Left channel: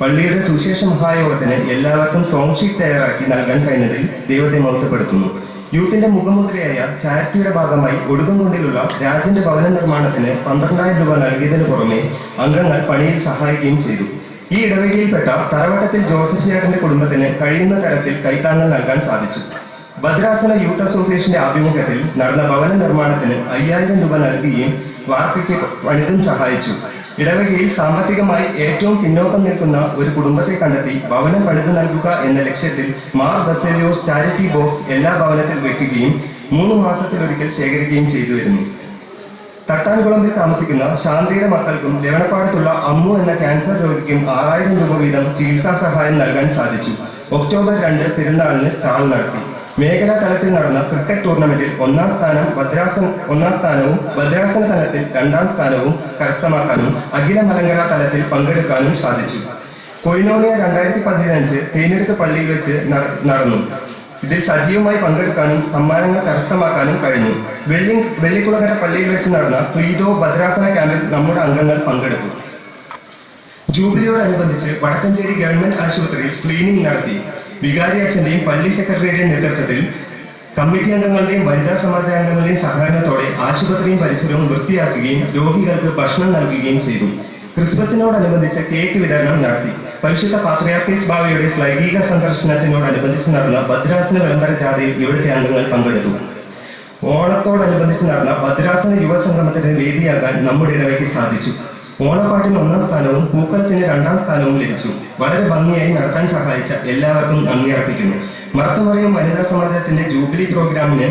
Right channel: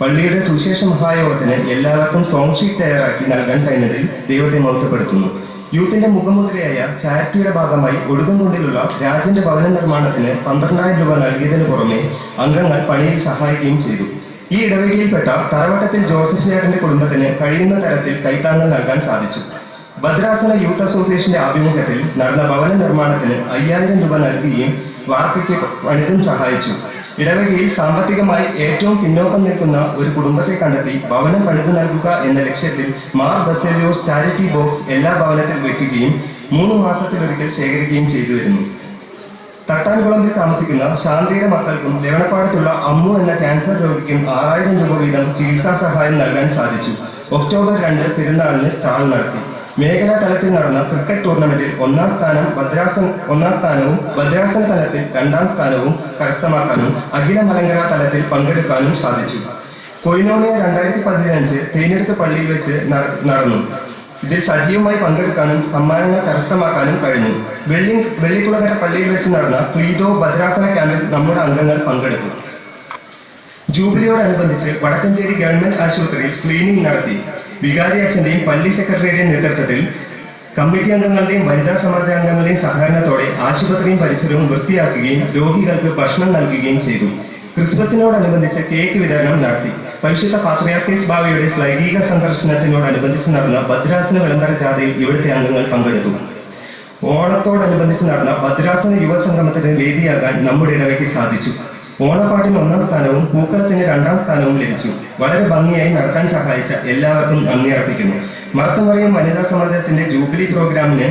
പള്ളിയുടെ സുവിശേഷ മഹായോഗത്തിന് എല്ലാവർക്കും സോങ് ഷീറ്റ് തയ്യാറാക്കി നൽകാൻ കഴിഞ്ഞതിൽ ദൈവത്തെ മഹത്വപ്പെടുത്തുന്നു. യൂത്തിന്റെ മുഖമുദ്രയായ ചാരിറ്റിയുടെ ഭാഗമായി ഒടുകുംകുണ്ടിലുള്ള രാജന്റെ ഭവന നിർമ്മാണത്തിന് 12,000 രൂപ നൽകിയതിനു പുറമെ അംഗങ്ങൾ പണിയിൽ സഹായിക്കുകയും ചെയ്തു. ഈ ഇടവകയിൽപ്പെട്ട തറവട്ടത്തിൽ ജോസഫ് ചേട്ടന്റെ കുടുംബത്തിന് കഴിയുന്ന തരത്തിൽ കൈത്താങ്ങൽ നൽകാൻ സാധിച്ചു. ഭദ്രാസന യൂത്ത് അസോസിയേഷന്റെ ആഭിമുഖ്യത്തിൽ നടന്ന ഭവന നിർമ്മാണത്തിന് 5,000 രൂപ നൽകുകയും വാർക്കയ്ക്ക് പണിതും സഹായിച്ചു. ഇടവകയിൽ സാമ്പത്തികമായി ഏറ്റവും പിന്നോക്കം നിൽക്കുന്ന ഒരു കുടുംബത്തെ കണ്ടെത്തി ഭവനം പണിതു നൽകുക എന്ന ലക്ഷ്യത്തിൽ മാർ ബസേലിയോസ് ചാരിറ്റി ബോക്സ് എല്ലാ ഭവനത്തിൽ വെക്കുകയും 3 മാസത്തിലൊരിക്കൽ ശേഖരിക്കുകയും ചെയ്തു വരുന്നു. തട്ടാൻകുളമ്പിൽ താമസിക്കുന്ന ശാന്തിയുടെ മക്കൾക്കും ലെവണപ്പാടത്തുള്ള അമ്മു എന്ന ക്യാൻസർ രോഗിക്കും 6,000 രൂപ വീതം ചികിത്സാ സഹായം നൽകാൻ സാധിച്ചു. ഒക്ടോബർ 2 പെരുന്നാളിന് സ്റ്റാൾ നടത്തി. മേഖലാ തലത്തിൽ നടന്ന ക്രിക്കറ്റ് ടൂർണമെന്റിൽ 1ാം സ്ഥാനവും ഭദ്രാസന തലത്തിൽ 2ാം സ്ഥാനവും കരസ്ഥമാക്കാനും അഖില മലങ്കര തലത്തിൽ പങ്കെടുക്കാനും സാധിച്ചു. കൊയിനോണിയ 2015 തേനെടുത്ത് പള്ളിയിൽ വെച്ച് നടന്നു. ഇതിൽ സജീവമായി പങ്കെടുക്കാനും സമ്മാനങ്ങൾ കരസ്ഥമാക്കാനും കഴിഞ്ഞു. വെള്ളിക്കുളകര പള്ളിയിൽ വെച്ച് നടന്ന തുയിതോ ഭദ്രാസന ക്യാമ്പിൽ നമ്മുടെ അംഗങ്ങൾ പങ്കെടുത്തു. ജൂബിലിയോടനുബന്ധിച്ച് വടക്കഞ്ചേരി ഗവൺമെന്റ് ആശുപത്രിയിൽ ക്ലീനിംഗ് നടത്തി. വികാരി അച്ഛന്റെയും പള്ളി സെക്രട്ടറിയുടെയും നേതൃത്വത്തിൽ കമ്മിറ്റി അംഗങ്ങളുടെയും വനിതാ സമാജാംഗങ്ങളുടെയും സഹകരണത്തോടെ ആശുപത്രിയും പരിസരവും വൃത്തിയാക്കുകയും രോഗികൾക്ക് ഭക്ഷണം നൽകുകയും ചെയ്തു. ക്രിസ്മസിനോടനുബന്ധിച്ച് കേക്ക് വിതരണം നടത്തി. പരിശുദ്ധ പാത്രിയാർക്കീസ് ബാവയുടെ ശ്ലൈംഗിക സന്ദർശനത്തിനോടനുബന്ധിച്ച് നടന്ന ഭദ്രാസന വിളംബര ജാഥയിൽ ഇവിടുത്തെ അംഗങ്ങൾ പങ്കെടുത്തു. ഓണത്തോടനുബന്ധിച്ച് നടന്ന ഭദ്രാസന യുവസംഗമത്തിന് വേദിയാകാൻ നമ്മുടെ ഇടവയ്ക്ക് സാധിച്ചു. ഓണപ്പാട്ടിന് 1ാം സ്ഥാനവും പൂക്കളത്തിന് 2ാം സ്ഥാനവും ലഭിച്ചു. വളരെ ഭംഗിയായി നടത്താൻ സഹായിച്ച എല്ലാവർക്കും നന്ദി അർപ്പിക്കുന്നു. മർത്തമറിയം വനിതാ സമാജത്തിന്റെ ജൂബിലി പ്രോഗ്രാമിന്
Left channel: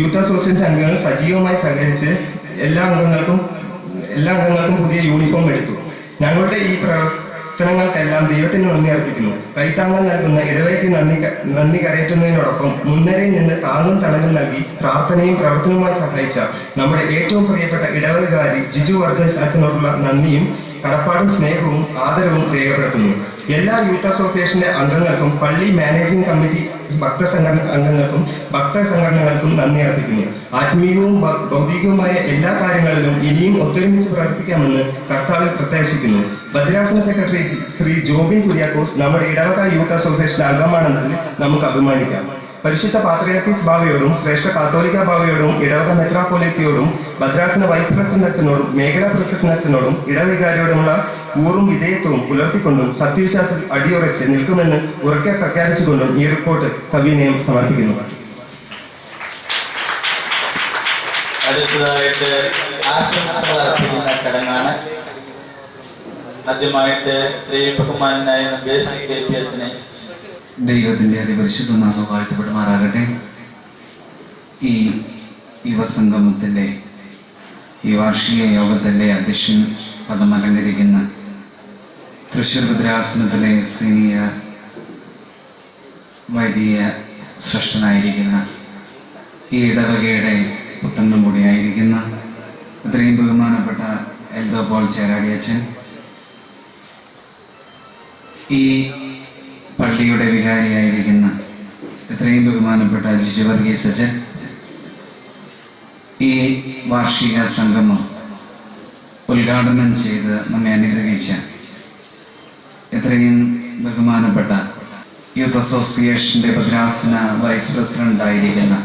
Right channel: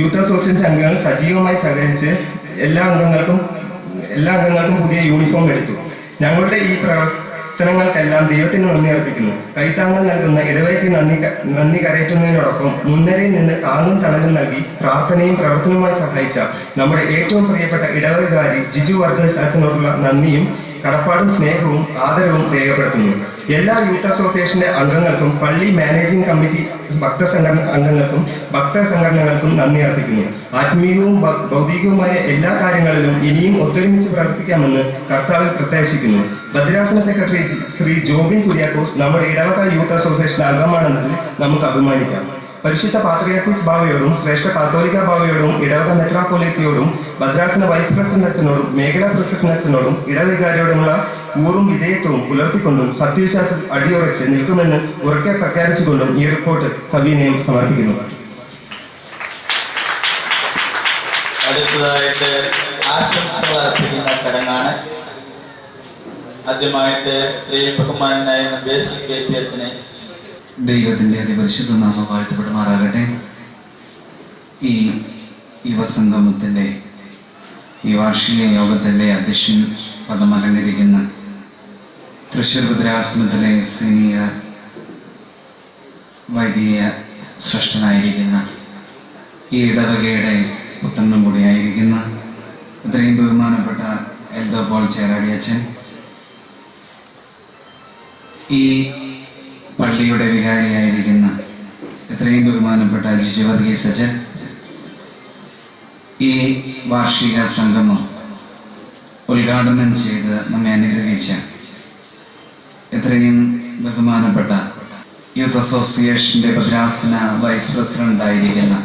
യൂത്ത് അസോസിയേഷൻ അംഗങ്ങൾ സജീവമായി സഹകരിച്ച് എല്ലാ അംഗങ്ങൾക്കും പുതിയ യൂണിഫോം എടുത്തു. ഞങ്ങളുടെ ഈ പ്രവർത്തനങ്ങൾക്കെല്ലാം ദൈവത്തിന് നന്ദി അർപ്പിക്കുന്നു. കൈത്താങ്ങൽ നൽകുന്ന ഇടവയ്ക്ക് നന്ദി കരയറ്റുന്നതിനോടൊപ്പം മുൻനിരയിൽ നിന്ന് താങ്ങും തണലും നൽകി പ്രാർത്ഥനയും പ്രവർത്തനവുമായി സഹായിച്ച നമ്മുടെ ഏറ്റവും പ്രിയപ്പെട്ട ഇടവകാരി ജിജു വർഗീസ് അച്ഛനോടുള്ള നന്ദിയും കടപ്പാടും സ്നേഹവും ആദരവും രേഖപ്പെടുത്തുന്നു. എല്ലാ യൂത്ത് അസോസിയേഷന്റെ അംഗങ്ങൾക്കും പള്ളി മാനേജിംഗ് കമ്മിറ്റി അംഗങ്ങൾക്കും ഭക്തസംഘടനകൾക്കും നന്ദി അർപ്പിക്കുന്നു. ആത്മീയവും ഭൗതികവുമായ എല്ലാ കാര്യങ്ങളിലും ഇനിയും ഒത്തൊരുമിച്ച് പ്രവർത്തിക്കാമെന്ന് കർത്താവിൽ പ്രത്യാശിക്കുന്നു. ഭദ്രാസന സെക്രട്ടറി ശ്രീ ജോബിൻ കുര്യാക്കോസ് നമ്മുടെ ഇടവക യൂത്ത് അസോസിയേഷൻ അംഗമാണെന്നതിൽ നമുക്ക് അഭിമാനിക്കാം. പരിശുദ്ധ പാത്രിയാർക്കീസ് ബാവയോടും ശ്രേഷ്ഠ കാത്തോലിക്ക ബാവയോടും ഇടവക മെത്രാപ്പൊലീത്തയോടും ഭദ്രാസന വൈസ് പ്രസിഡന്റ് അച്ഛനോടും മേഖലാ പ്രസിഡന്റ് അച്ഛനോടും ഇടവികാരിയോടുമുള്ള കൂറും വിധേയത്വവും പുലർത്തിക്കൊണ്ടും സത്യവിശ്വാസത്തിൽ അടിയുറച്ച് നിൽക്കുമെന്ന് ഉറക്കെ പ്രഖ്യാപിച്ചുകൊണ്ടും ഈ റിപ്പോർട്ട് സവിനയം സമർപ്പിക്കുന്നു. അടുത്തതായിട്ട് ആശംസകൾ അർപ്പിക്കുന്ന ചടങ്ങാണ്. ആദ്യമായിട്ട് പ്രിയപ്പെട്ടമാനായ ബേസിക് കേസി അച്ഛനെ ദൈവത്തിൻ്റെ അതിപരിശുദ്ധ നാമം വാഴ്ത്തപ്പെടുമാറാകട്ടെ. ഈ യുവസംഗമത്തിൻ്റെ ഈ വാർഷിക യോഗത്തിൻ്റെ അധ്യക്ഷൻ പദം അലങ്കരിക്കുന്ന തൃശ്ശൂർ ഭദ്രാസനത്തിലെ സീനിയർ വൈദിക ശ്രേഷ്ഠനായിരിക്കുന്ന ഈ ഇടവകയുടെ പുത്രനും കൂടിയായിരിക്കുന്ന അത്രയും ബഹുമാനപ്പെട്ട എൽദോ പോൾ ചേരാടി അച്ഛൻ, ഈ പള്ളിയുടെ വികാരിയായിരിക്കുന്ന എത്രയും ബഹുമാനപ്പെട്ട ജിജു വർഗീസ് അച്ഛൻ, ഈ വാർഷിക സംഗമം ഉദ്ഘാടനം ചെയ്ത് നമ്മെ അനുഗ്രഹിച്ച എത്രയും ബഹുമാനപ്പെട്ട യൂത്ത് അസോസിയേഷന്റെ ഭദ്രാസന വൈസ് പ്രസിഡന്റ് ആയിരിക്കുന്ന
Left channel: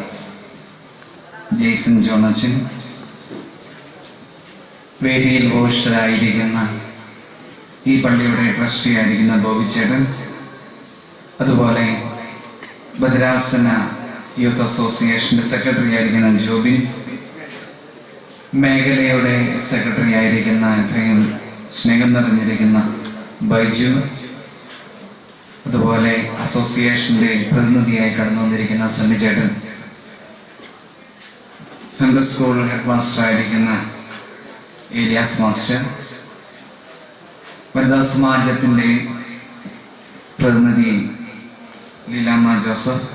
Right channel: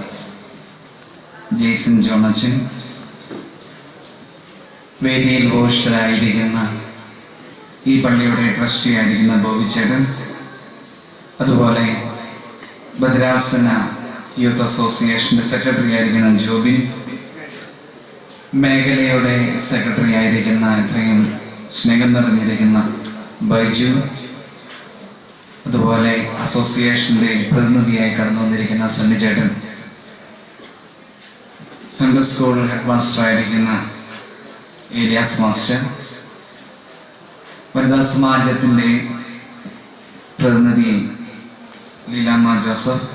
ജെയ്സൺ ജോണച്ചൻ, വേദിയിൽ ഘോഷരായിരിക്കുന്ന ഈ പള്ളിയുടെ ട്രസ്റ്റി ആയിരിക്കുന്ന ബോബിച്ചേട്ടൻ, അതുപോലെ ഭദ്രാസന യൂത്ത് അസോസിയേഷന്റെ സെക്രട്ടറി ആയിരിക്കുന്ന ജോബിൻ, മേഖലയുടെ സെക്രട്ടറി ആയിരിക്കുന്ന ഇത്രയും സ്നേഹം നിറഞ്ഞിരിക്കുന്ന ബൈജു, അതുപോലെ അസോസിയേഷന്റെ പ്രതിനിധിയായി കടന്നു വന്നിരിക്കുന്ന സണ്ണിച്ചേട്ടൻ, സൺഡേ സ്കൂൾ ഹെഡ് മാസ്റ്റർ ആയിരിക്കുന്ന ഏലിയാസ് മാസ്റ്റർ, വനിതാ സമാജത്തിന്റെ പ്രതിനിധി ലീലാമ്മ ജോസഫ്,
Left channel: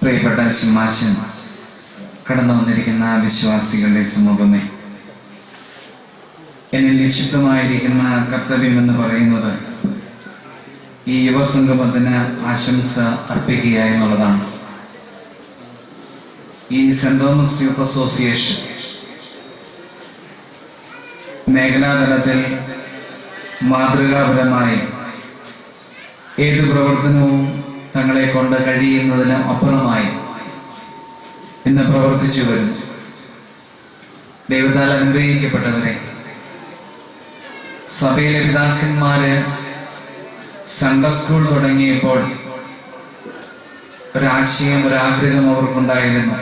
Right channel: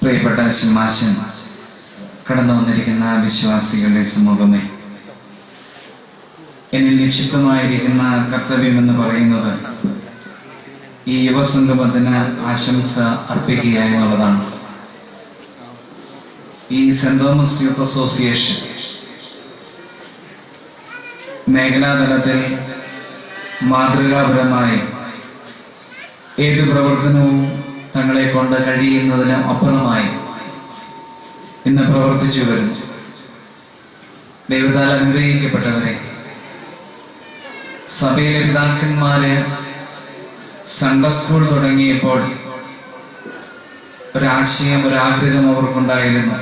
പ്രിയപ്പെട്ട ശിമാശൻ, കടന്നു വന്നിരിക്കുന്ന വിശ്വാസികളുടെ സമൂഹമേ, എന്നിൽ നിക്ഷിപ്തമായിരിക്കുന്ന കർത്തവ്യം എന്ന് പറയുന്നത് ഈ യുവസംഗമത്തിന് ആശംസ അർപ്പിക്കുക എന്നുള്ളതാണ്. ഈ സെന്റ് തോമസ് യൂത്ത് അസോസിയേഷൻ മേഖലാതലത്തിൽ മാതൃകാപരമായി ഏത് പ്രവർത്തനവും തങ്ങളെ കൊണ്ട് കഴിയുന്നതിന് അപ്പുറമായി ഇന്ന് പ്രവർത്തിച്ചു വരുന്നു. ദൈവത്താൽ അനുഗ്രഹിക്കപ്പെട്ടവരെ, സഭയിലെ പിതാക്കന്മാര് സൺഡേ സ്കൂൾ തുടങ്ങിയപ്പോൾ ഒരാശയം, ഒരാഗ്രഹം അവർക്കുണ്ടായിരുന്നു.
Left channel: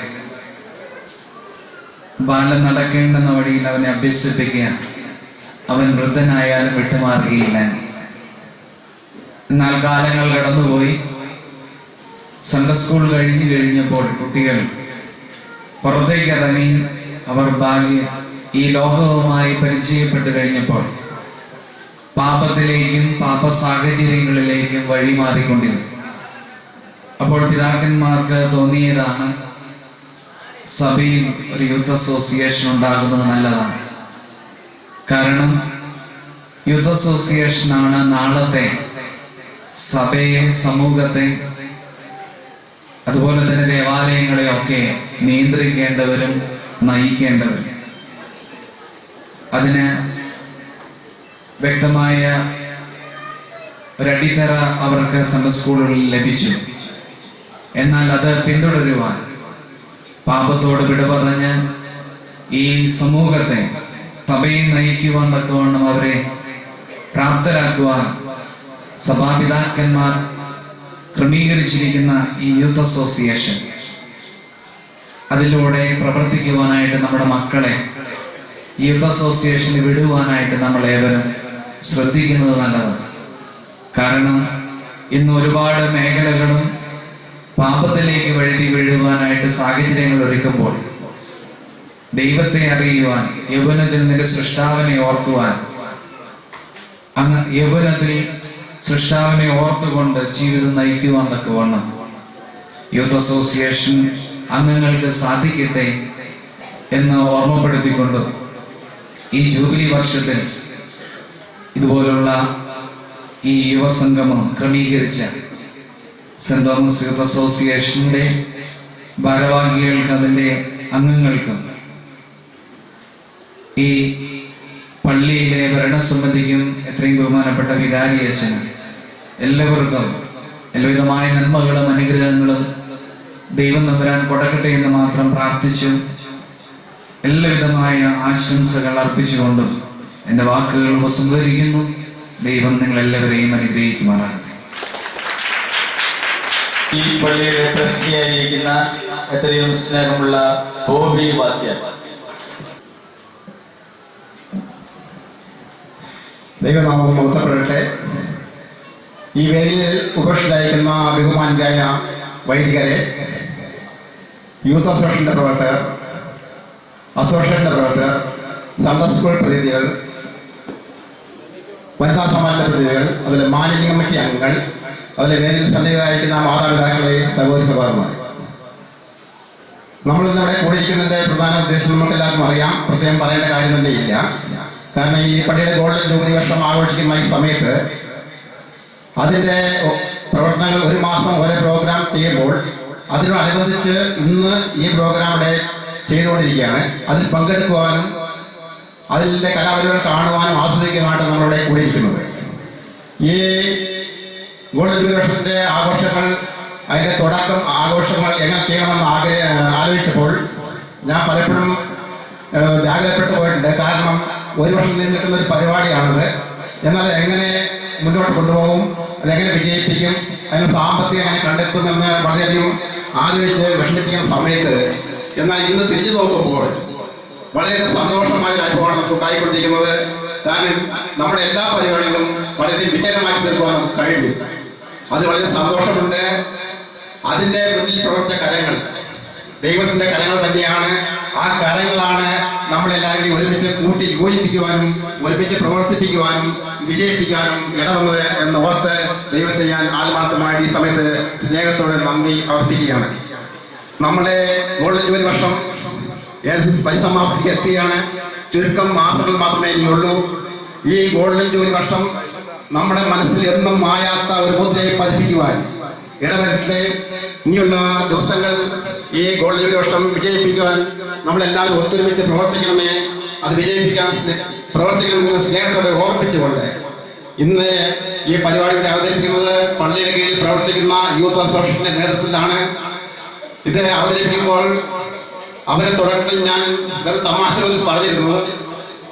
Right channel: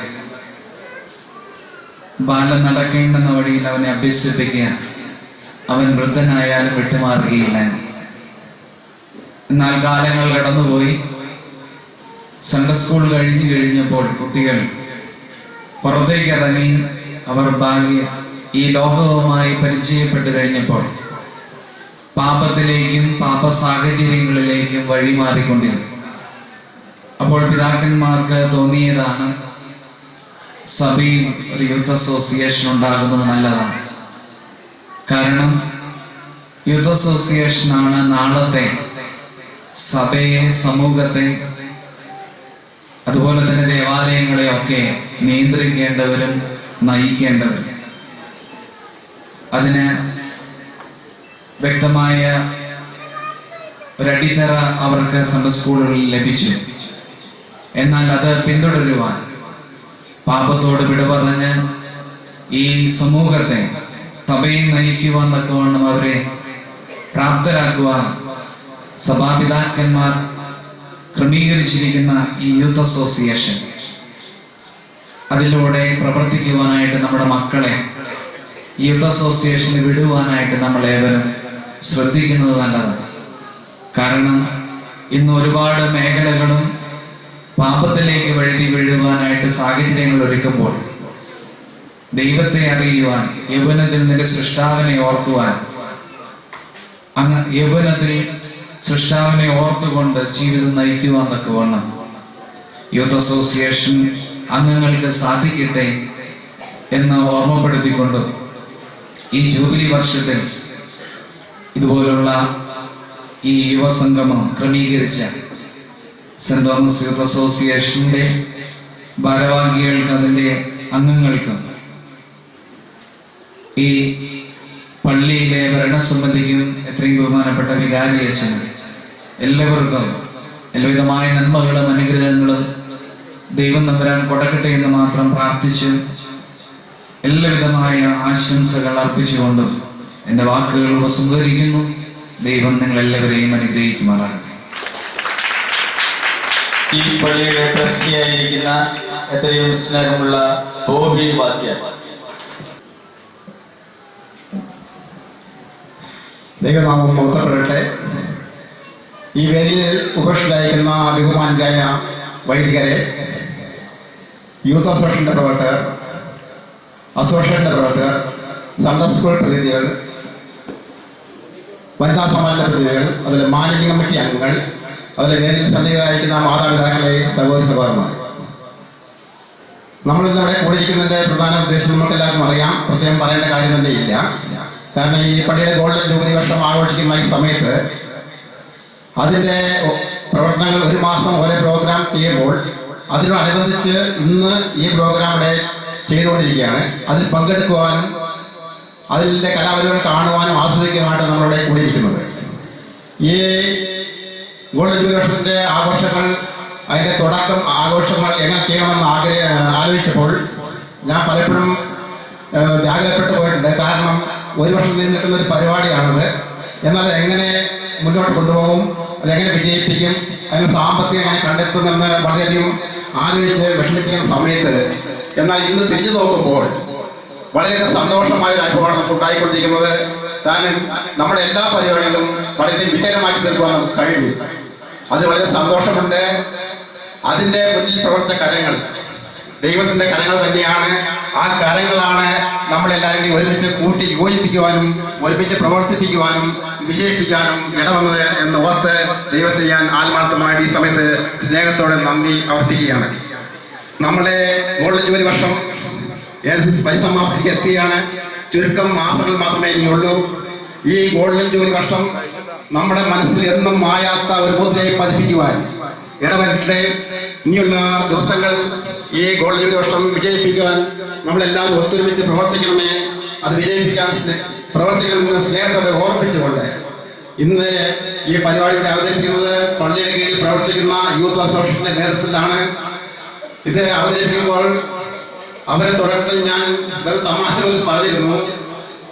ബാലൻ നടക്കേണ്ടുന്ന വഴിയിൽ അവനെ അഭ്യസിപ്പിക്കുക, അവൻ വൃദ്ധനായാലും വിട്ടുമാറുകയില്ല. എന്നാൽ കാലങ്ങൾ കടന്നുപോയി. സൺഡേ സ്കൂൾ കഴിഞ്ഞപ്പോൾ കുട്ടികൾ പുറത്തേക്ക് ഇറങ്ങി അവർ ഈ ലോകവുമായി പരിചയപ്പെട്ടു കഴിഞ്ഞപ്പോൾ പാപത്തിലേക്കും പാപ സാഹചര്യങ്ങളിലേക്കും വഴിമാറിക്കൊണ്ടിരുന്നു. അപ്പോൾ പിതാക്കന്മാർക്ക് തോന്നിയതാണ്, സഭയിൽ ഒരു യൂത്ത് അസോസിയേഷൻ ഉണ്ടാകുന്നത് നല്ലതാണ്. കാരണം യൂത്ത് അസോസിയേഷനാണ് നാളത്തെ സഭയെ, സമൂഹത്തെ, അതുപോലെ തന്നെ ദേവാലയങ്ങളെയൊക്കെ നിയന്ത്രിക്കേണ്ടവരും നയിക്കേണ്ടവരും. അതിന് വ്യക്തമായ ഒരടിത്തറ അവർക്ക് സൺഡേ സ്കൂളുകളിൽ ലഭിച്ചു. എന്നാൽ അത് പിന്തുടരുവാൻ, പാപത്തോട് വിട പറഞ്ഞ് ഈ സമൂഹത്തെ, സഭയെ നയിക്കുവാൻ തക്കവണ്ണം അവരെ പ്രാപ്തരാക്കുവാൻ സഭാപിതാക്കന്മാർ ക്രമീകരിച്ചിരിക്കുന്ന ഈ യൂത്ത് അസോസിയേഷൻ, അതിലൂടെ പ്രവർത്തിക്കുവാനായിട്ട് നമ്മുടെ മക്കളെ യൂത്ത് അസോസിയേഷനിൽ വിടുവാനായിട്ട് നമ്മളേവരും ശ്രദ്ധിക്കുന്നത് നല്ലതാണ്. കാരണം ഇന്ന് ഒരുപാട് മേഖലകളും പാപത്തിലേക്ക് വഴുതി വീഴുവാനായിട്ട് സാഹചര്യങ്ങൾ ഒരുക്കുമ്പോൾ ദൈവത്തെ അറിയുവാൻ, യൗവനത്തിൽ നിന്റെ സൃഷ്ടാവിനെ ഓർക്കുവാൻ, യൗവനത്തിൽ സൃഷ്ടാവിനെ ഓർത്തുകൊണ്ട് ജീവിതം നയിക്കുവാൻ തക്കവണ്ണം യൂത്ത് അസോസിയേഷൻ അംഗങ്ങൾക്ക് സാധിക്കട്ടെ എന്ന് ഓർമ്മപ്പെടുത്തിക്കൊണ്ട് ഈ ജൂബിലി വർഷത്തിൽ ഇതുപോലുള്ള ഈ യുവസംഗമം ക്രമീകരിച്ച സെന്റ് തോമസ് യൂത്ത് അസോസിയേഷന്റെ ഭാരവാഹികൾക്ക്, അതിൻ്റെ അംഗങ്ങൾക്കും, ഈ പള്ളിയിലെ ഭരണസമിതിക്കും, എത്രയും ബഹുമാനപ്പെട്ട വികാരി അച്ഛനും എല്ലാവർക്കും എല്ലാവിധമായ നന്മകളും അനുഗ്രഹങ്ങളും ദൈവം തമ്പുരാൻ കൊടുക്കട്ടെ എന്ന് മാത്രം പ്രാർത്ഥിച്ച് എല്ലാവിധമായ ആശംസകൾ അർപ്പിച്ചുകൊണ്ടും എൻ്റെ വാക്കുകൾ ഉപസംഹരിക്കുന്നു. ദൈവം നിങ്ങൾ എല്ലാവരെയും അനുഗ്രഹിക്കുമാറാകട്ടെ. ഈ പള്ളിയുടെ ട്രസ്റ്റിയായിരിക്കുന്ന എത്രയും സ്നേഹമുള്ള ബോബി വാദ്യർ, ദൈവനാമം മഹത്വപ്പെടട്ടെ. ഈ വേദിയിൽ ഉപേക്ഷിതരായിരിക്കുന്ന ബഹുമാനരായ വൈദികരെ, യൂത്ത് അസോസിയേഷൻ്റെ പ്രവർത്തകർ, അസോസിയേഷൻ്റെ പ്രവർത്തകർ, സൺഡേ സ്കൂൾ പ്രതിനിധികൾ, വനിതാ സമാജ പ്രതിനിധികൾ, അതിലെ മാനേജിംഗ് കമ്മിറ്റി അംഗങ്ങൾ, അതിലെ വേദിയിൽ സന്നിഹിതരായിരിക്കുന്ന മാതാപിതാക്കളെ, സഹോദരി സഹോദരന്മാർ, നമ്മളിന്നിവിടെ കൂടിയിരിക്കുന്നതിൻ്റെ പ്രധാന ഉദ്ദേശം നമുക്ക് എല്ലാവർക്കും അറിയാം. പ്രത്യേകം പറയേണ്ട കാര്യം തന്നെ ഇല്ല. കാരണം ഈ പള്ളിയുടെ ഗോൾഡൻ ജൂബിലി വർഷം ആഘോഷിക്കുന്ന ഈ സമയത്ത് അതിൻ്റെ പ്രവർത്തനങ്ങൾ ഒരു മാസം ഓരോ പ്രോഗ്രാം ചെയ്യുമ്പോൾ അതിനോടനുബന്ധിച്ച് ഇന്ന് ഈ പ്രോഗ്രാം ഇവിടെ ചെയ്തുകൊണ്ടിരിക്കുകയാണ്. അതിൽ പങ്കെടുക്കുവാനും അതിൻ്റെ കലാപരിപാടികൾ കാണുവാനും ആസ്വദിക്കാനുമായിട്ട് നമ്മളിവിടെ കൂടിയിരിക്കുന്നത്. ഈ ഗോൾഡൻ ജൂബിലി വർഷത്തിൻ്റെ ആഘോഷങ്ങൾ, അതിൻ്റെ തുടക്കം ആഘോഷങ്ങൾ എങ്ങനെ ചെയ്യണമെന്ന് ആലോചിച്ചപ്പോൾ ഞാൻ പലപ്പോഴും വ്യാകുലപ്പെട്ടു പോയിട്ടുണ്ട്. കാരണം ഒരു വർഷം നീണ്ടു നിൽക്കുന്ന ഒരു പരിപാടിയാണത്. എന്നാൽ എങ്ങനെ മുന്നോട്ട് കൊണ്ടുപോകും, അതെങ്ങനെ വിജയിപ്പിക്കും, അതിന് സാമ്പത്തികം എങ്ങനെ കണ്ടെത്തുമെന്ന് വളരെയധികം ആലോചിച്ച് വിഷമിപ്പിക്കുന്ന സമയത്ത്, എന്നാൽ ഇന്ന് തിരിഞ്ഞു നോക്കുമ്പോൾ വളരെയധികം സന്തോഷമായ ഒരു അനുഭവമാണ് നമുക്ക് ഉണ്ടായിക്കൊണ്ടിരിക്കുന്നത്. കാരണം നമ്മുടെ എല്ലാ പരിപാടികളും വളരെയധികം വിജയമാക്കി തീർക്കുവാൻ നമുക്ക് കഴിഞ്ഞു. അത് വളരെ സന്തോഷമുണ്ട്. അതിൻ്റെ മുന്നിൽ പ്രവർത്തിച്ച കരങ്ങൾ ദൈവത്തിൻ്റെ കരങ്ങൾ തന്നെയാണ്. ആ കരങ്ങളാണ് നമ്മളെല്ലാവരെയും ഒരുമിച്ച് കൂട്ടി യോജിപ്പിക്കുവാനും ഒരുമിച്ച് പ്രവർത്തിപ്പിക്കുവാനും വിജയിപ്പിക്കാനും ഇടവന്നത് എന്ന് ഓർത്ത് ദൈവത്തെ ഞാൻ ആത്മാർത്ഥമായി ഈ സമയത്ത് സ്നേഹത്തോടെ നന്ദി അർപ്പിക്കുകയാണ്. നമ്മുടെ ഗോൾഡൻ ജൂബിലി വർഷം പരിസമാപ്തിക്ക് എത്തിയാണ്. ചുരുക്കം മാസങ്ങൾ മാത്രമേ ഇനിയുള്ളൂ. ഈ ഗോൾഡൻ ജൂബിലി വർഷം നമ്മുടെ മനസ്സിൽ എന്നും മായാത്ത ഒരു മുദ്രയെ പതിപ്പിക്കുവാൻ ഇടവരട്ടെ. ഇനിയുള്ള ദിവസങ്ങൾ ഈ ഗോൾഡൻ ജൂബിലി വർഷം വിജയിപ്പിക്കുവാൻ നമ്മളെല്ലാവരും ഒത്തൊരുമിച്ച് പ്രവർത്തിക്കണമേ. അത് വിജയിപ്പിക്കാൻ പ്രവർത്തിക്കണമെന്ന് സ്നേഹത്തോടെ ഓർമ്മിച്ചുകൊണ്ട് ഇന്ന് ഈ പരിപാടി ഇവിടെ അവതരിപ്പിക്കുന്നത് പള്ളിയുടെ കീഴിൽ പ്രവർത്തിക്കുന്ന യൂത്ത് അസോസിയേഷന്റെ നേതൃത്വത്തിലാണ്. ഇത് അവതരിപ്പിക്കുമ്പോൾ അവരെ തുടക്കത്തിൽ ഞാൻ വെറും തമാശകളിൽ പറഞ്ഞിരുന്നു.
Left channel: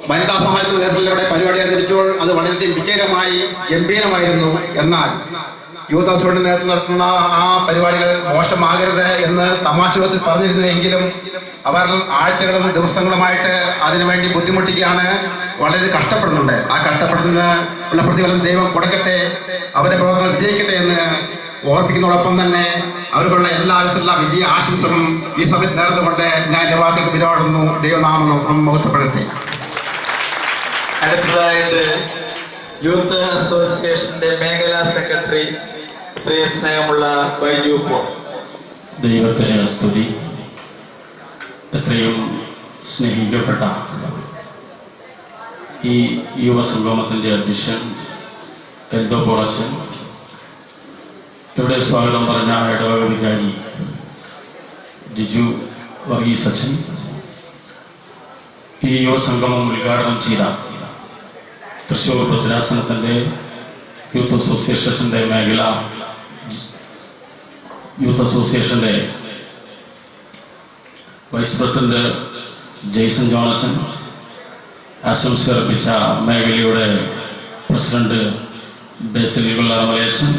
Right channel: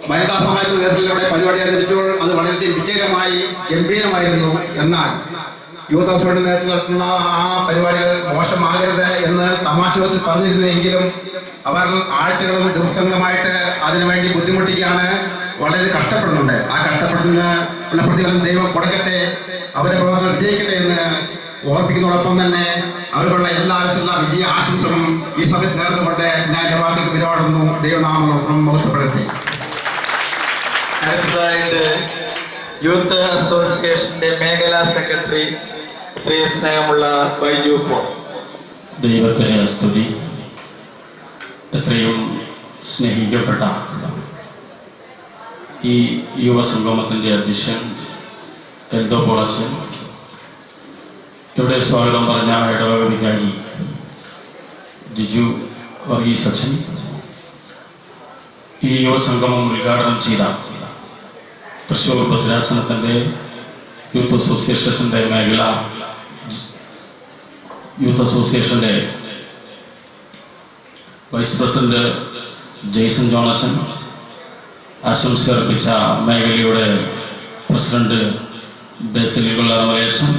വനിതാ സമാജത്തിന്റെ നേതൃത്വത്തിലൂടെ പരിപാടി അവതരിച്ചപ്പോൾ അത് വളരെയധികം വിജയകരമായി ഗംഭീരമായിരുന്നു. എന്നാൽ യൂത്ത് അസോസിയേഷൻ നേതൃത്വം നടത്തുന്ന ആ പരിപാടികൾ മോശമാകരുത് എന്ന് തമാശത്തിൽ പറഞ്ഞിരുന്നുവെങ്കിലും അവർ ആഴ്ചകളും ദിവസങ്ങളുമായിട്ട് അതിനുവേണ്ടി ബുദ്ധിമുട്ടിക്കുകയാണ്, വളരെ കഷ്ടപ്പെടുന്നുണ്ട്. ആ കഷ്ടപ്പെടുന്നതിന് ഉള്ള പ്രതിഫലം ദൈവം കൊടുക്കട്ടെ, അവരെ പ്രവർത്തനം വിജയിക്കട്ടെ എന്ന് ഓർപ്പിക്കുന്നതോടൊപ്പം തന്നെ അവർക്കുള്ള എല്ലാവിധത്തിലുള്ള വിജയ ആശംസകളും ഈ സമയത്ത് നേർന്നുകൊണ്ട് ഞാൻ എൻ്റെ വാക്കുകൾക്ക് വിരോടുന്നു. ദൈവനാമം മുഖത്തപ്പെടട്ടെ. അടുത്തതായിട്ട് യൂത്ത് അസോസിയേഷന്റെ മേഖലാ സെക്രട്ടറി സ്നേഹമുള്ള ബൈജു പോൾ. ദൈവത്തിലെ സ്തുതി. എത്രയും സ്നേഹിക്കപ്പെട്ട ഈ യുവസംഗമത്തിൻ്റെ അധ്യക്ഷൻ എൽദോ പോളച്ചൻ, ഇവിടെ സ്വാഗതം പറഞ്ഞ ഇടവക വികാരി ജിജു വർഗീസ് അച്ഛൻ, ഈ യുവസംഗമം ഉദ്ഘാടനം ചെയ്ത തൃശ്ശൂർ ഭദ്രാസനത്തിൻ്റെ യൂത്ത് അസോസിയേഷൻ്റെ മേഖല യൂത്ത് അസോസിയേഷൻ്റെ വൈസ് പ്രസിഡന്റ് ജെയ്സൺ ജോണസൺ, ആശംസ അർപ്പിച്ച മേഖലയുടെ പ്രസിഡന്റ് ബേസിൽ കൊല്ലാമലയച്ചൻ,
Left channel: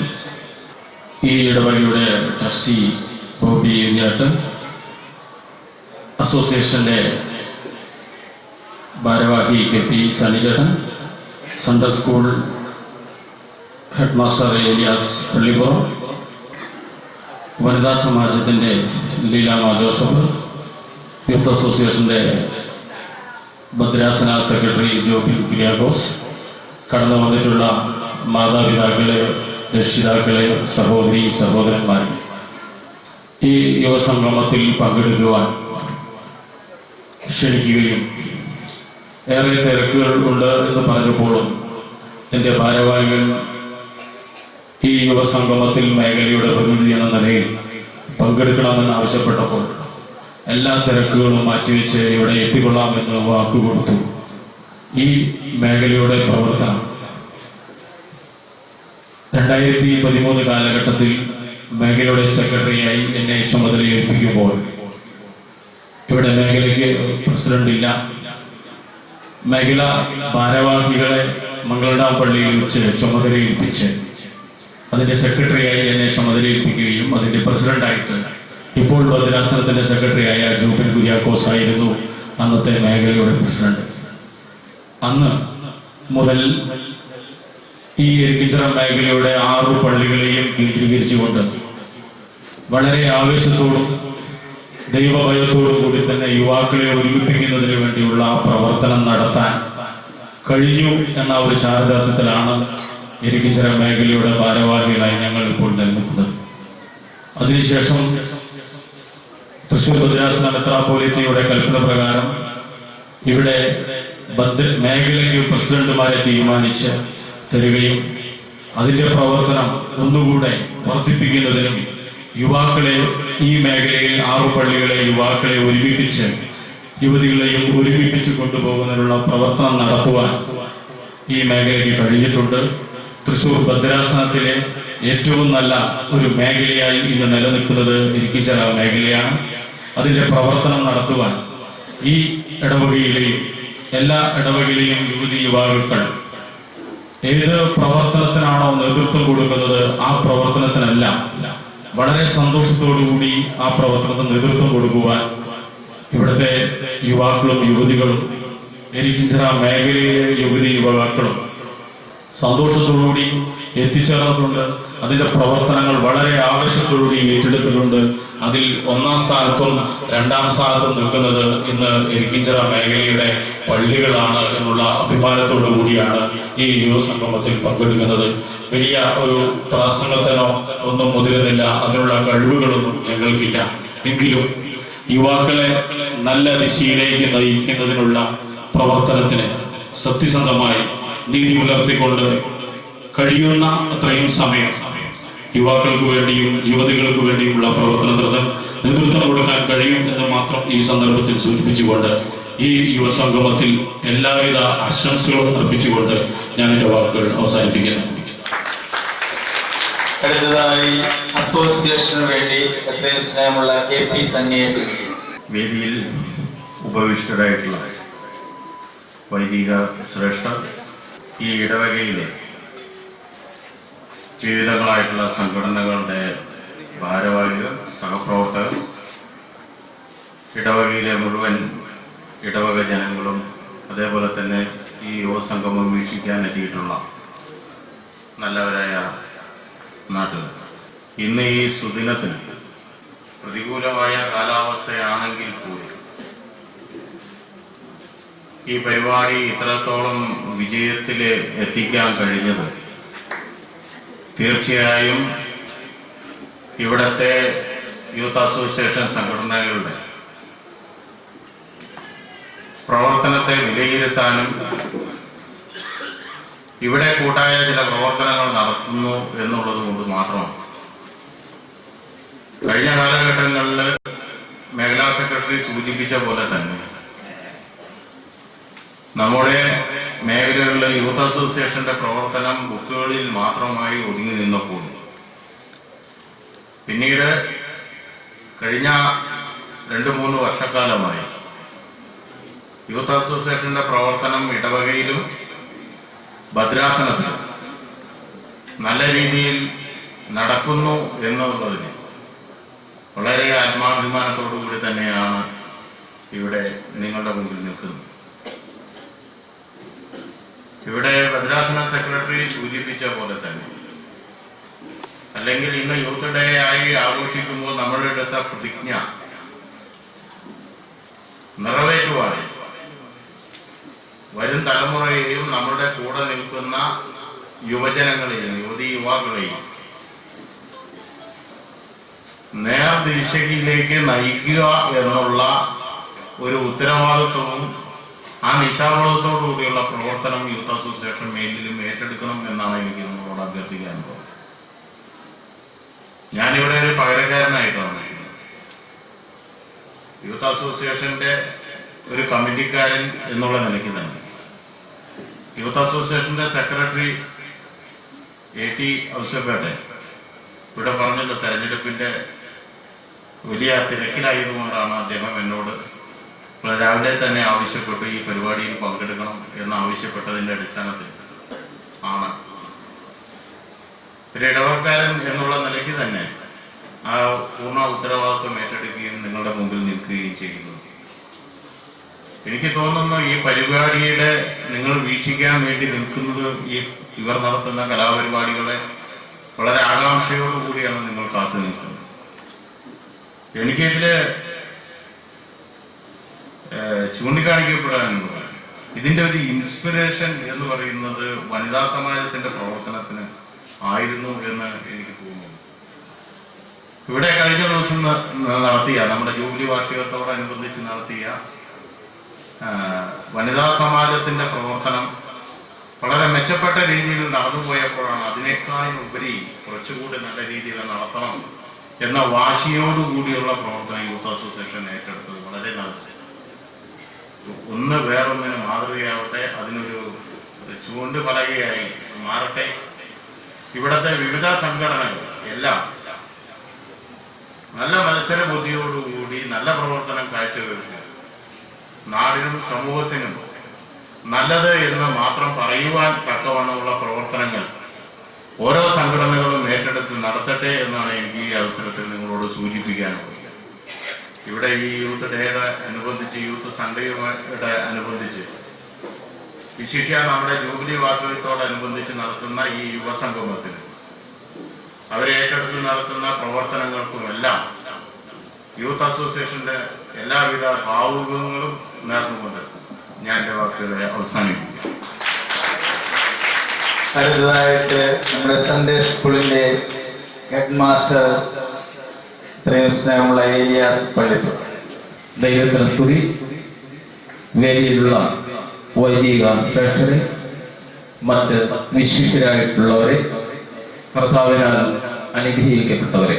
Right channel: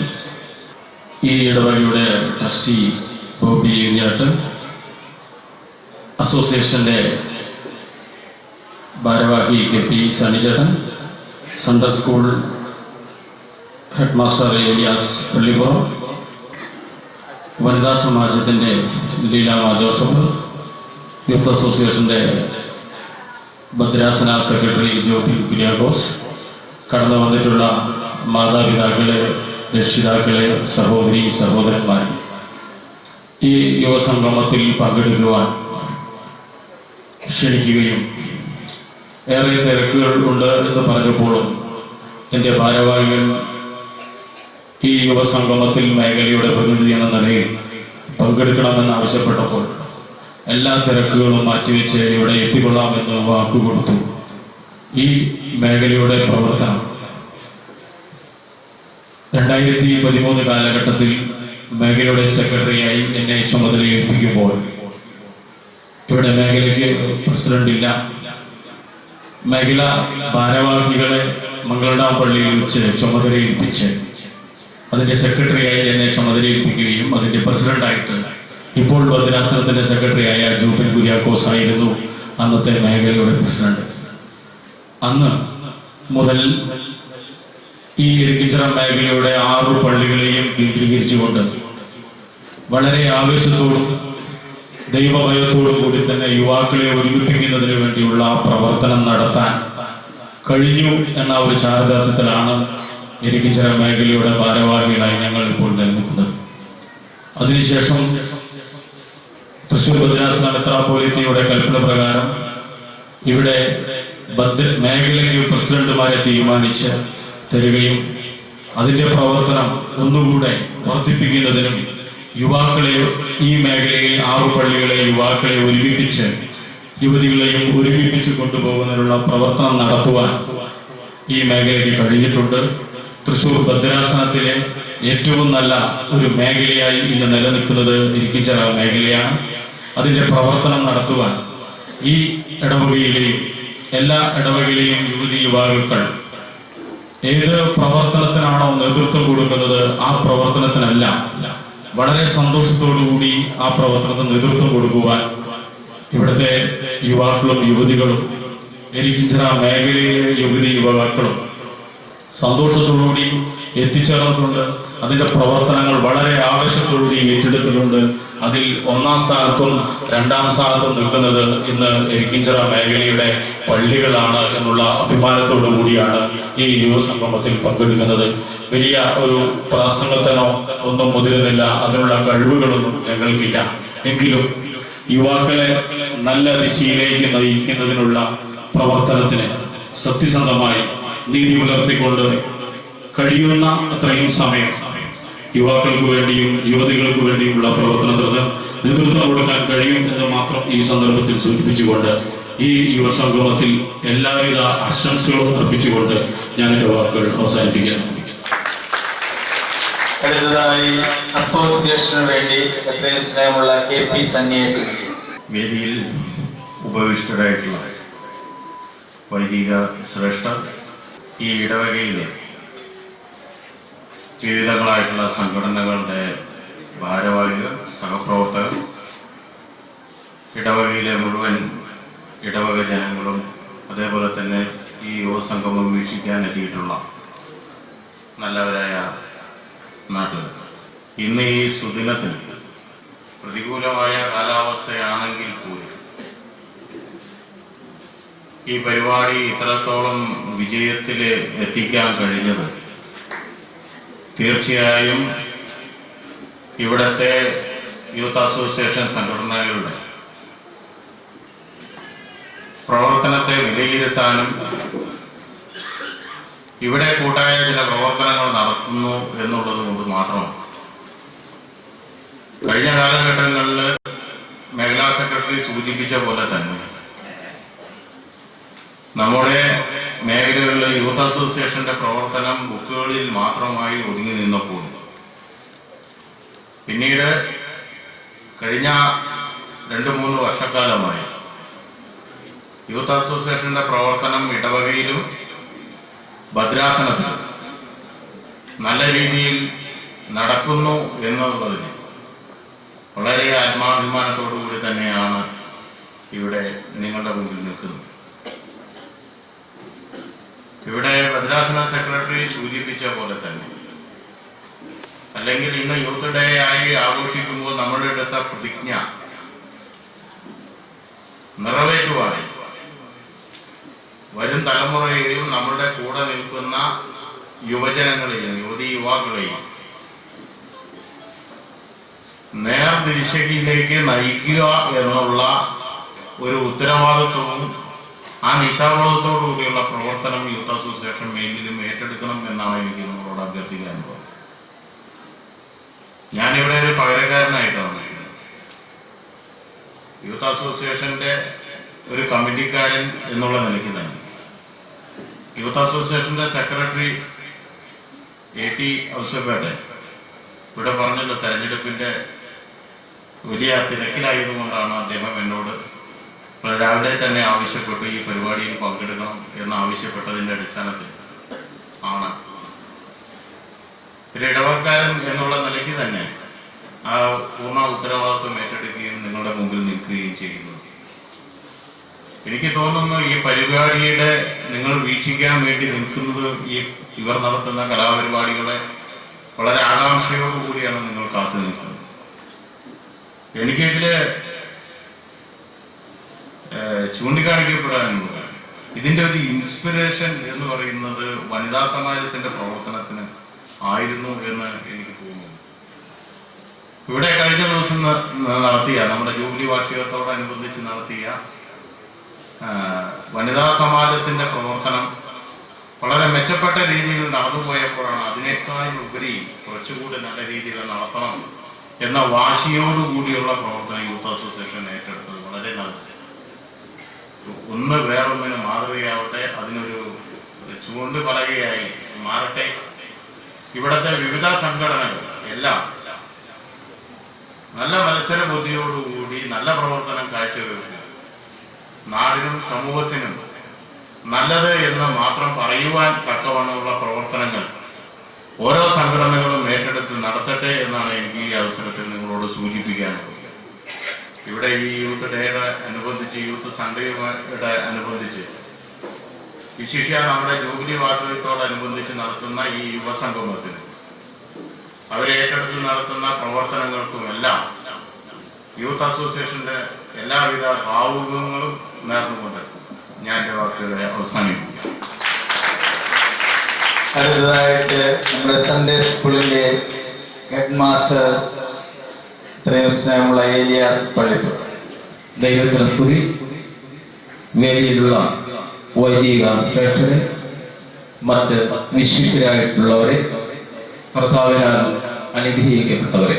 ഈ ഇടവകയുടെ ട്രസ്റ്റി ബോബി യുഞ്ഞാട്ട്, അസോസിയേഷൻ്റെ ഭാരവാഹി K P Sanijan, Sunday school head master Elias Pallippuram, വനിതാ സമാജത്തിൻ്റെ ലീലാമ ജോസഫ്, യൂത്ത് അസോസിയേഷൻ്റെ ഭദ്രാസന സെക്രട്ടറി ജോബി കുര്യാക്കോസ്, കടന്നു വന്നിട്ടുള്ള മാതാപിതാക്കളെ, രക്ഷിതാക്കളെ, സഹോദരി സഹോദരന്മാർ, ഈ യുവസംഗമത്തിൽ പങ്കെടുക്കുവാൻ ക്ഷണിക്കുകയും ഏറെ തിരക്കുകൾ ഉണ്ട് എന്ന് പറഞ്ഞപ്പോഴും എൻ്റെ ഭാരവാഹികൾ ഈ യുവസംഗമത്തിൽ മേഖലയുടെ പ്രതിനിധി എന്ന നിലയിൽ പങ്കെടുക്കണമെന്ന് ആവശ്യപ്പെട്ടപ്പോൾ എല്ലാ തിരക്കുകളും മാറ്റിവെച്ച് ഇവിടെ എത്തിക്കൊള്ളാമെന്ന് വാക്കുകൊടുത്തു. ഈ മേഖലയുടെ പ്രവർത്തനം 2013 കാലഘട്ടത്തിൽ മേഖലയുടെ സെക്രട്ടറിയായി എന്നെ ചുമതലയേൽപ്പിക്കുമ്പോൾ ഇവിടെ മേഖലയ്ക്ക് പ്രസിഡന്റ് ഇല്ല. മേഖല ഭാരവാഹികളെ മംഗളഡാം പള്ളിയിൽ വെച്ച് ചുമതലയേൽപ്പിച്ച് അതിൻ്റെ സെക്രട്ടറിയായി എന്നെ ചുമതലയേൽപ്പിക്കുകയും അതിൻ്റെ പ്രസിഡന്റായിട്ട് ഇപ്പോൾ ഭദ്രാസനത്തിൻ്റെ സെക്രട്ടറിയായ ജോബിൻ കുര്യാക്കോസ് ആയിരുന്നു അന്നത്തെ മേഖലയുടെ പ്രസിഡന്റ്. അന്ന് മുതൽ ഈ ഇരിക്കിച്ചിറ മേഖലയുടെ 6 പള്ളികളെയും കേന്ദ്രീകരിച്ചുകൊണ്ട് വളരെ ആവേശത്തോടും ദൈവഭയത്തോടും കൂടി തന്നെ യുവാക്കളെ ഒരുമിപ്പിക്കുന്നതിന് വേണ്ടിയുള്ള പ്രവർത്തനം നടത്താൻ കഴിഞ്ഞു എന്ന ഒരു ചാരിതാർത്ഥ്യത്തിലാണ് ഇരിക്കിച്ചിറ മേഖലയുടെ ഭാരവാഹികളായി ഞങ്ങൾ ഇപ്പോൾ നിൽക്കുന്നത്. അതിനുശേഷം തൃശ്ശൂർ ഭദ്രാസന മെത്രാപ്പോലീത്തയുടെ കൽപ്പന പ്രകാരം ഇവിടെ മേഖലയ്ക്ക് പ്രസിഡന്റുമാരെ തീരുമാനിച്ച് തരികയും അതിൻ്റെ പ്രവർത്തനം ഒന്നുകൂടെ വർദ്ധിപ്പിക്കുന്നതിനും യുവാക്കളെ ഈ മേഖലയിൽ 6 പള്ളികളെ യുവാക്കളെ ഒരുമിപ്പിച്ച് യുവതികളെയും ഒരുമിപ്പിച്ച് കൊണ്ടുപോകുന്നതിനുള്ള പ്രവർത്തനം നടത്തുവാൻ ഈ മേഖലയ്ക്ക് കഴിഞ്ഞിട്ടുണ്ട്. തൃശ്ശൂർ ഭദ്രാസനത്തിലെ ഏറ്റവും നല്ല ഒരു മേഖലയായി ഇന്ന് നിലനിൽക്കുന്നത് ഇരിക്കിച്ചിറ മേഖലയാണ്. അതിൻ്റെ പ്രവർത്തനം നടത്തുവാൻ ഈ ഇടവകയിലെയും എല്ലാ ഇടവകയിലെയും യുവാക്കൾ ഏത് പ്രവർത്തനത്തിനാണോ നേതൃത്വം കൊടുക്കുന്നത് ആ പ്രവർത്തനത്തിനെല്ലാം വളരെ സന്തോഷത്തോടുകൂടി ആ പ്രവർത്തനത്തിന് നേതൃത്വം കൊടുക്കുവാൻ ഇവിടുത്തെ യുവാക്കളും യുവതികളും ഇരിക്കിച്ചിറ മേഖലയിലെ യുവാക്കളും സന്തോഷത്തോടുകൂടി എത്തിച്ചേർന്നിട്ടുണ്ട്. അതിൻ്റെ പ്രവർത്തനങ്ങൾ വളരെ ആവേശത്തോടുകൂടി ഏറ്റെടുത്തിട്ടുണ്ട്. അതിൽ 1-ാം സ്ഥാനത്തും 2-ാം സ്ഥാനത്തും നിൽക്കുന്നത് ഇന്ന് ഇരിക്കിച്ചിറ മേഖലയുടെ പള്ളികളാണ് എന്നുള്ള അഭിമാനത്തോടു കൂടിയാണ് ഈ യുവസംഗമത്തിൽ പങ്കെടുക്കുന്നത്. വലിയ ഒരു പ്രസംഗത്തിനോ ഒന്നും മുതിരുന്നില്ല, അതിനുള്ള കഴിവുകളൊന്നും ഞങ്ങൾക്കില്ല. എങ്കിലും യുവാക്കളെ നല്ല ദിശയിലേക്ക് നയിക്കുന്നതിനുള്ള പ്രവർത്തനത്തിന് സത്യസന്ധമായി നീതി പുലർത്തിക്കൊണ്ട് കഴിയുന്ന അത്രയും സമയം യുവാക്കൾക്ക് വേണ്ടിയും യുവതികൾക്ക് വേണ്ടിയുമുള്ള പ്രവർത്തനത്തിന് നേതൃത്വം കൊടുക്കാൻ കഴിയും എന്ന് മാത്രം ഈ സന്ദർഭത്തിൽ സൂചിപ്പിച്ചുകൊണ്ട് ഈ യുവസംഗമത്തിൽ എല്ലാവിധ ആശംസകളും അർപ്പിച്ചുകൊണ്ട് ഞാൻ എൻ്റെ വാക്കുകൾ അവസാനിപ്പിക്കുന്നു. അടുത്തതായി അസോസിയേഷന് വേണ്ടി എത്രയും സ്നേഹമുള്ള KP സന്നിയെ വേദിയിൽ ഉപവിഷ്ടരായിട്ടുള്ള വൈദിക ശ്രേഷ്ഠർ, ഈ ഇടവകയിലെ വിവിധങ്ങളായിട്ടുള്ള സംഘടനകളുടെ ഭാരവാഹികൾ, സഹപ്രവർത്തകർ, ഇടവകയിലെ മുഴുവൻ ഇടവക ജനങ്ങളും, അതേപോലെ തന്നെ ഈ യുവസംഗമം വീക്ഷിക്കാൻ എത്തിയിട്ടുള്ള നല്ലവരായ നാട്ടുകാർ, ഇന്ന് ഈ സുദിനത്തിൽ പ്രതികൂലമായ കാലാവസ്ഥയാണെങ്കിൽ കൂടി ഈ പരിപാടി ഇത്രത്തോളം വിജയത്തിൽ എത്തിക്കാൻ കഴിഞ്ഞത് തീർച്ചയായും ഇവിടുത്തെ യൂത്ത് അസോസിയേഷൻ സംഘടനകളുടെ പ്രവർത്തനത്തെ വിലയിരുത്താനും ഇവിടെ കൂട്ടായ ചില പ്രവർത്തനങ്ങൾ നടത്തുന്നു എന്നുള്ളത് കൊണ്ട് മാത്രമാണ്. കഴിഞ്ഞ കാലഘട്ടങ്ങളിൽ മേഖലാ സെക്രട്ടറി സൂചിപ്പിച്ച പോലെ തന്നെ നമ്മുടെ മേഖലകളിലെ യൂത്ത് അസോസിയേഷന്റെ പ്രവർത്തനം ബുക്കുകളിൽ മാത്രമായി ഒതുങ്ങി നിന്നപ്പോൾ പിന്നീട് കഴിഞ്ഞ 2-3 വർഷക്കാലമായി യൂത്ത് അസോസിയേഷന്റെ പ്രവർത്തനം ഇടവകയിലും ഭദ്രാസനത്തിലും നല്ല രീതിയിൽ നടക്കുന്നു എന്നുള്ളതിന് വളരെ ആത്മാഭിമാനത്തോടു കൂടി തന്നെയാണ് ഇവിടെ നിങ്ങളുടെ മുമ്പിൽ നിൽക്കുന്നത്. ഇവിടെ ഭദ്രാസന സെക്രട്ടറി സൂചിപ്പിച്ച പോലെ തന്നെ, അല്ലെങ്കിൽ ഇന്ന് യൂത്ത് ഡേ ആയി ആഘോഷിക്കുമ്പോൾ നമ്മളെടുത്ത പ്രതിജ്ഞ നിറവേറ്റുവാനും വരും തലമുറയെയും നമ്മുടെ കൂടെ നിൽക്കുന്ന യുവജനങ്ങളെയും യുവതിയുവാക്കളെയും നേർദിശയിലേക്ക് നയിക്കുക എന്നുള്ള ഒരു ഉത്തരവാദിത്വവും ആ നിശാബോധത്തോടു കൂടിയുള്ള പ്രവർത്തനം യൂത്ത് അസോസിയേഷൻ മേലിലും ഏറ്റെടുക്കണം എന്നാണ് എനിക്ക് നിങ്ങളോട് അഭ്യർത്ഥിക്കാൻ പോകുന്നത്. ഞാനിവിടെ ഒരു പകരക്കാരനായിട്ടാണ് യൂത്ത് അസോസിയേഷന്റെ ഒരു കമ്മിറ്റിക്കാരൻ എന്നുള്ള നിലയ്ക്ക് തന്നെ യൂത്ത് അസോസിയേഷന്റെ സെക്രട്ടറി AT ഔസേപ്പേട്ടെ ഇവിടെ പറഞ്ഞല്ലോ, തെരഞ്ഞെടുപ്പിന്റെ വലിയ തിരക്കിലായതുകൊണ്ടാണ് അദ്ദേഹം എന്നോട് രാവിലെ തന്നെ ആവശ്യപ്പെട്ടു ഈ പരിപാടിയിൽ പങ്കെടുക്കണം എന്ന് ആവശ്യപ്പെട്ടതിന്റെ അടിസ്ഥാനത്തിൽ ആണ് ഒരു ഇടവക്കാരൻ എന്നുള്ള നിലയ്ക്ക് തന്നെ ആ പൂർണ്ണ ഉത്തരവാദിത്വം ഏറ്റെടുക്കുകയും നിങ്ങളുടെ മുമ്പിൽ നിൽക്കുകയും ചെയ്യുന്നു. എനിക്ക് തോന്നുന്നു ഈ പരിപാടിയുടെ നിങ്ങൾ വീക്ഷിക്കാൻ വേണ്ടി നിൽക്കുന്നത് ഇവർ നടത്തുന്ന കലാപരിപാടികളെ വളരെ ആകാംക്ഷയോടുകൂടിയാണ് നിങ്ങൾ കാത്തു നിൽക്കുന്നത്. എനിക്കിതില് ചൂണ്ടിക്കാണിക്കപ്പെടാനുള്ളത് ഇതിന്റെ ഒരു ഇൻസ്പിറേഷൻ എന്ന് പറയുന്നത് വനിതാ സമാജത്തിന്റെ പ്രവർത്തനത്തിന് ആയിരുന്നു എന്ന് എനിക്ക് തോന്നുന്നു. ഇവിടെ കഴിഞ്ഞ ദിവസം നടത്തിയ നമ്മുടെ ജൂബിലി വാർഷികത്തോടനുബന്ധിച്ച് നടത്തിയ വനിതാ സമാജത്തിന്റെ പ്രവർത്തനം വളരെ മെച്ചപ്പെട്ട രീതിയിൽ നടന്നുപോയപ്പോഴാണ് അതിനേക്കാൾ ഉപരി കുറച്ചുകൂടി നല്ല രീതിയിൽ നടത്തണം എന്ന വാശിയോടുകൂടിയുള്ള പ്രവർത്തനം യൂത്ത് അസോസിയേഷൻ ഏറ്റെടുത്തത് വളരെ നല്ലത്. ഒന്ന് വേറൊന്നിന് മാതൃകയാവട്ടെ, അതിനൊരു ചൂണ്ടുപലകയായി മാറട്ടെ. ഇവിടുത്തെ വിവിധ സംഘടനകൾ എല്ലാം നല്ല മത്സര ബുദ്ധിയോടുകൂടി നല്ല പ്രവർത്തനം കാഴ്ചവെക്കുക, നാടിനും സമൂഹത്തിനും നല്ലത് എന്ന് മാത്രം പറയുവാൻ തക്കവണ്ണമുള്ള പ്രവർത്തനങ്ങൾ ഓരോ സംഘടനകളും ഏറ്റെടുത്ത് നടത്തട്ടെ എന്നാണ് എനിക്ക് ഈ അവസരത്തിൽ നിങ്ങളോട് സൂചിപ്പിക്കാനുള്ളത്. ഇവിടെ ഈ യൂത്ത് ഡേയുടെ അനുബന്ധിച്ച്, യൂത്ത് സൺഡേയുടെ അനുബന്ധിച്ച്, വിശിഷ്യ നമ്മുടെ ജൂബിലി വാർഷികത്തോടനുബന്ധിച്ച് നടത്തുന്ന ഈ യുവസംഗമത്തിന് അവരെ ഏറ്റെടുത്ത് നടത്തുന്ന പ്രവർത്തനങ്ങൾക്കുമെല്ലാം യൂത്ത് അസോസിയേഷന്റെ എല്ലാവിധ ഭാവുകങ്ങളും നേർന്നുകൊണ്ട് ഞാൻ എൻ്റെ വാക്കുകളെ അവസാനിപ്പിക്കും. അടുത്തതായിട്ട് നമ്മുടെ സൺഡേ സ്കൂളിന്റെ ഹെഡ് മാസ്റ്റർ സ്നേഹമുള്ള ഏലിയാസ് പള്ളിപ്പുറം. ദൈവത്തിന് സ്തുതി. വേദിയിലുള്ള വൈദിക ശ്രേഷ്ഠരെ, മറ്റ് വിശിഷ്ടരായിട്ടുള്ളവരെ, കർത്താവിനാൽ അനുഗ്രഹിക്കപ്പെട്ടവരെ,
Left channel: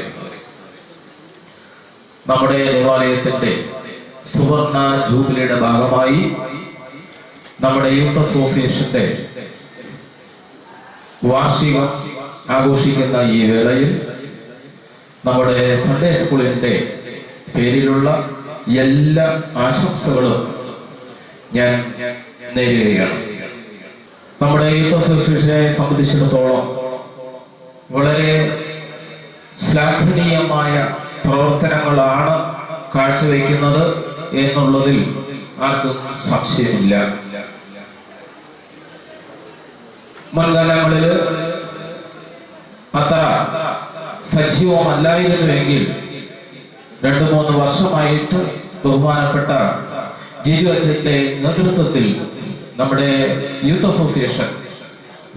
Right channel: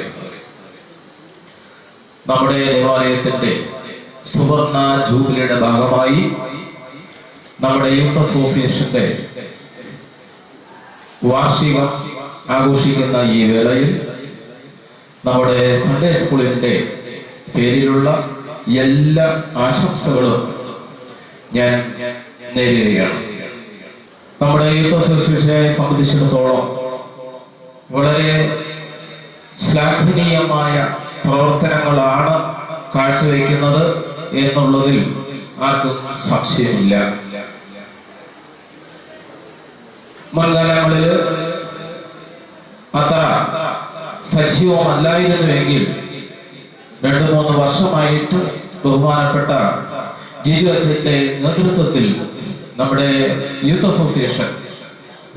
നമ്മുടെ ദേവാലയത്തിന്റെ സുവർണ ജൂബിലിയുടെ ഭാഗമായി നമ്മുടെ യൂത്ത് അസോസിയേഷന്റെ വാർഷികം ആഘോഷിക്കുന്ന ഈ വേളയിൽ നമ്മുടെ സൺഡേ സ്കൂളിന്റെ പേരിലുള്ള എല്ലാ ആശംസകളും ഞാൻ നേരുകയാണ്. നമ്മുടെ യൂത്ത് അസോസിയേഷനെ സംബന്ധിച്ചിടത്തോളം വളരെ ശ്ലാഘനീയമായ പ്രവർത്തനങ്ങളാണ് കാഴ്ചവെക്കുന്നത് എന്നുള്ളതിൽ ആർക്കും സംശയമില്ല. മുൻകാലങ്ങളിൽ അത്ര സജീവമല്ലായിരുന്നുവെങ്കിൽ 2-3 വർഷമായിട്ട് ബഹുമാനപ്പെട്ട ജിജു അച്ഛന്റെ നേതൃത്വത്തിൽ നമ്മുടെ യൂത്ത് അസോസിയേഷൻ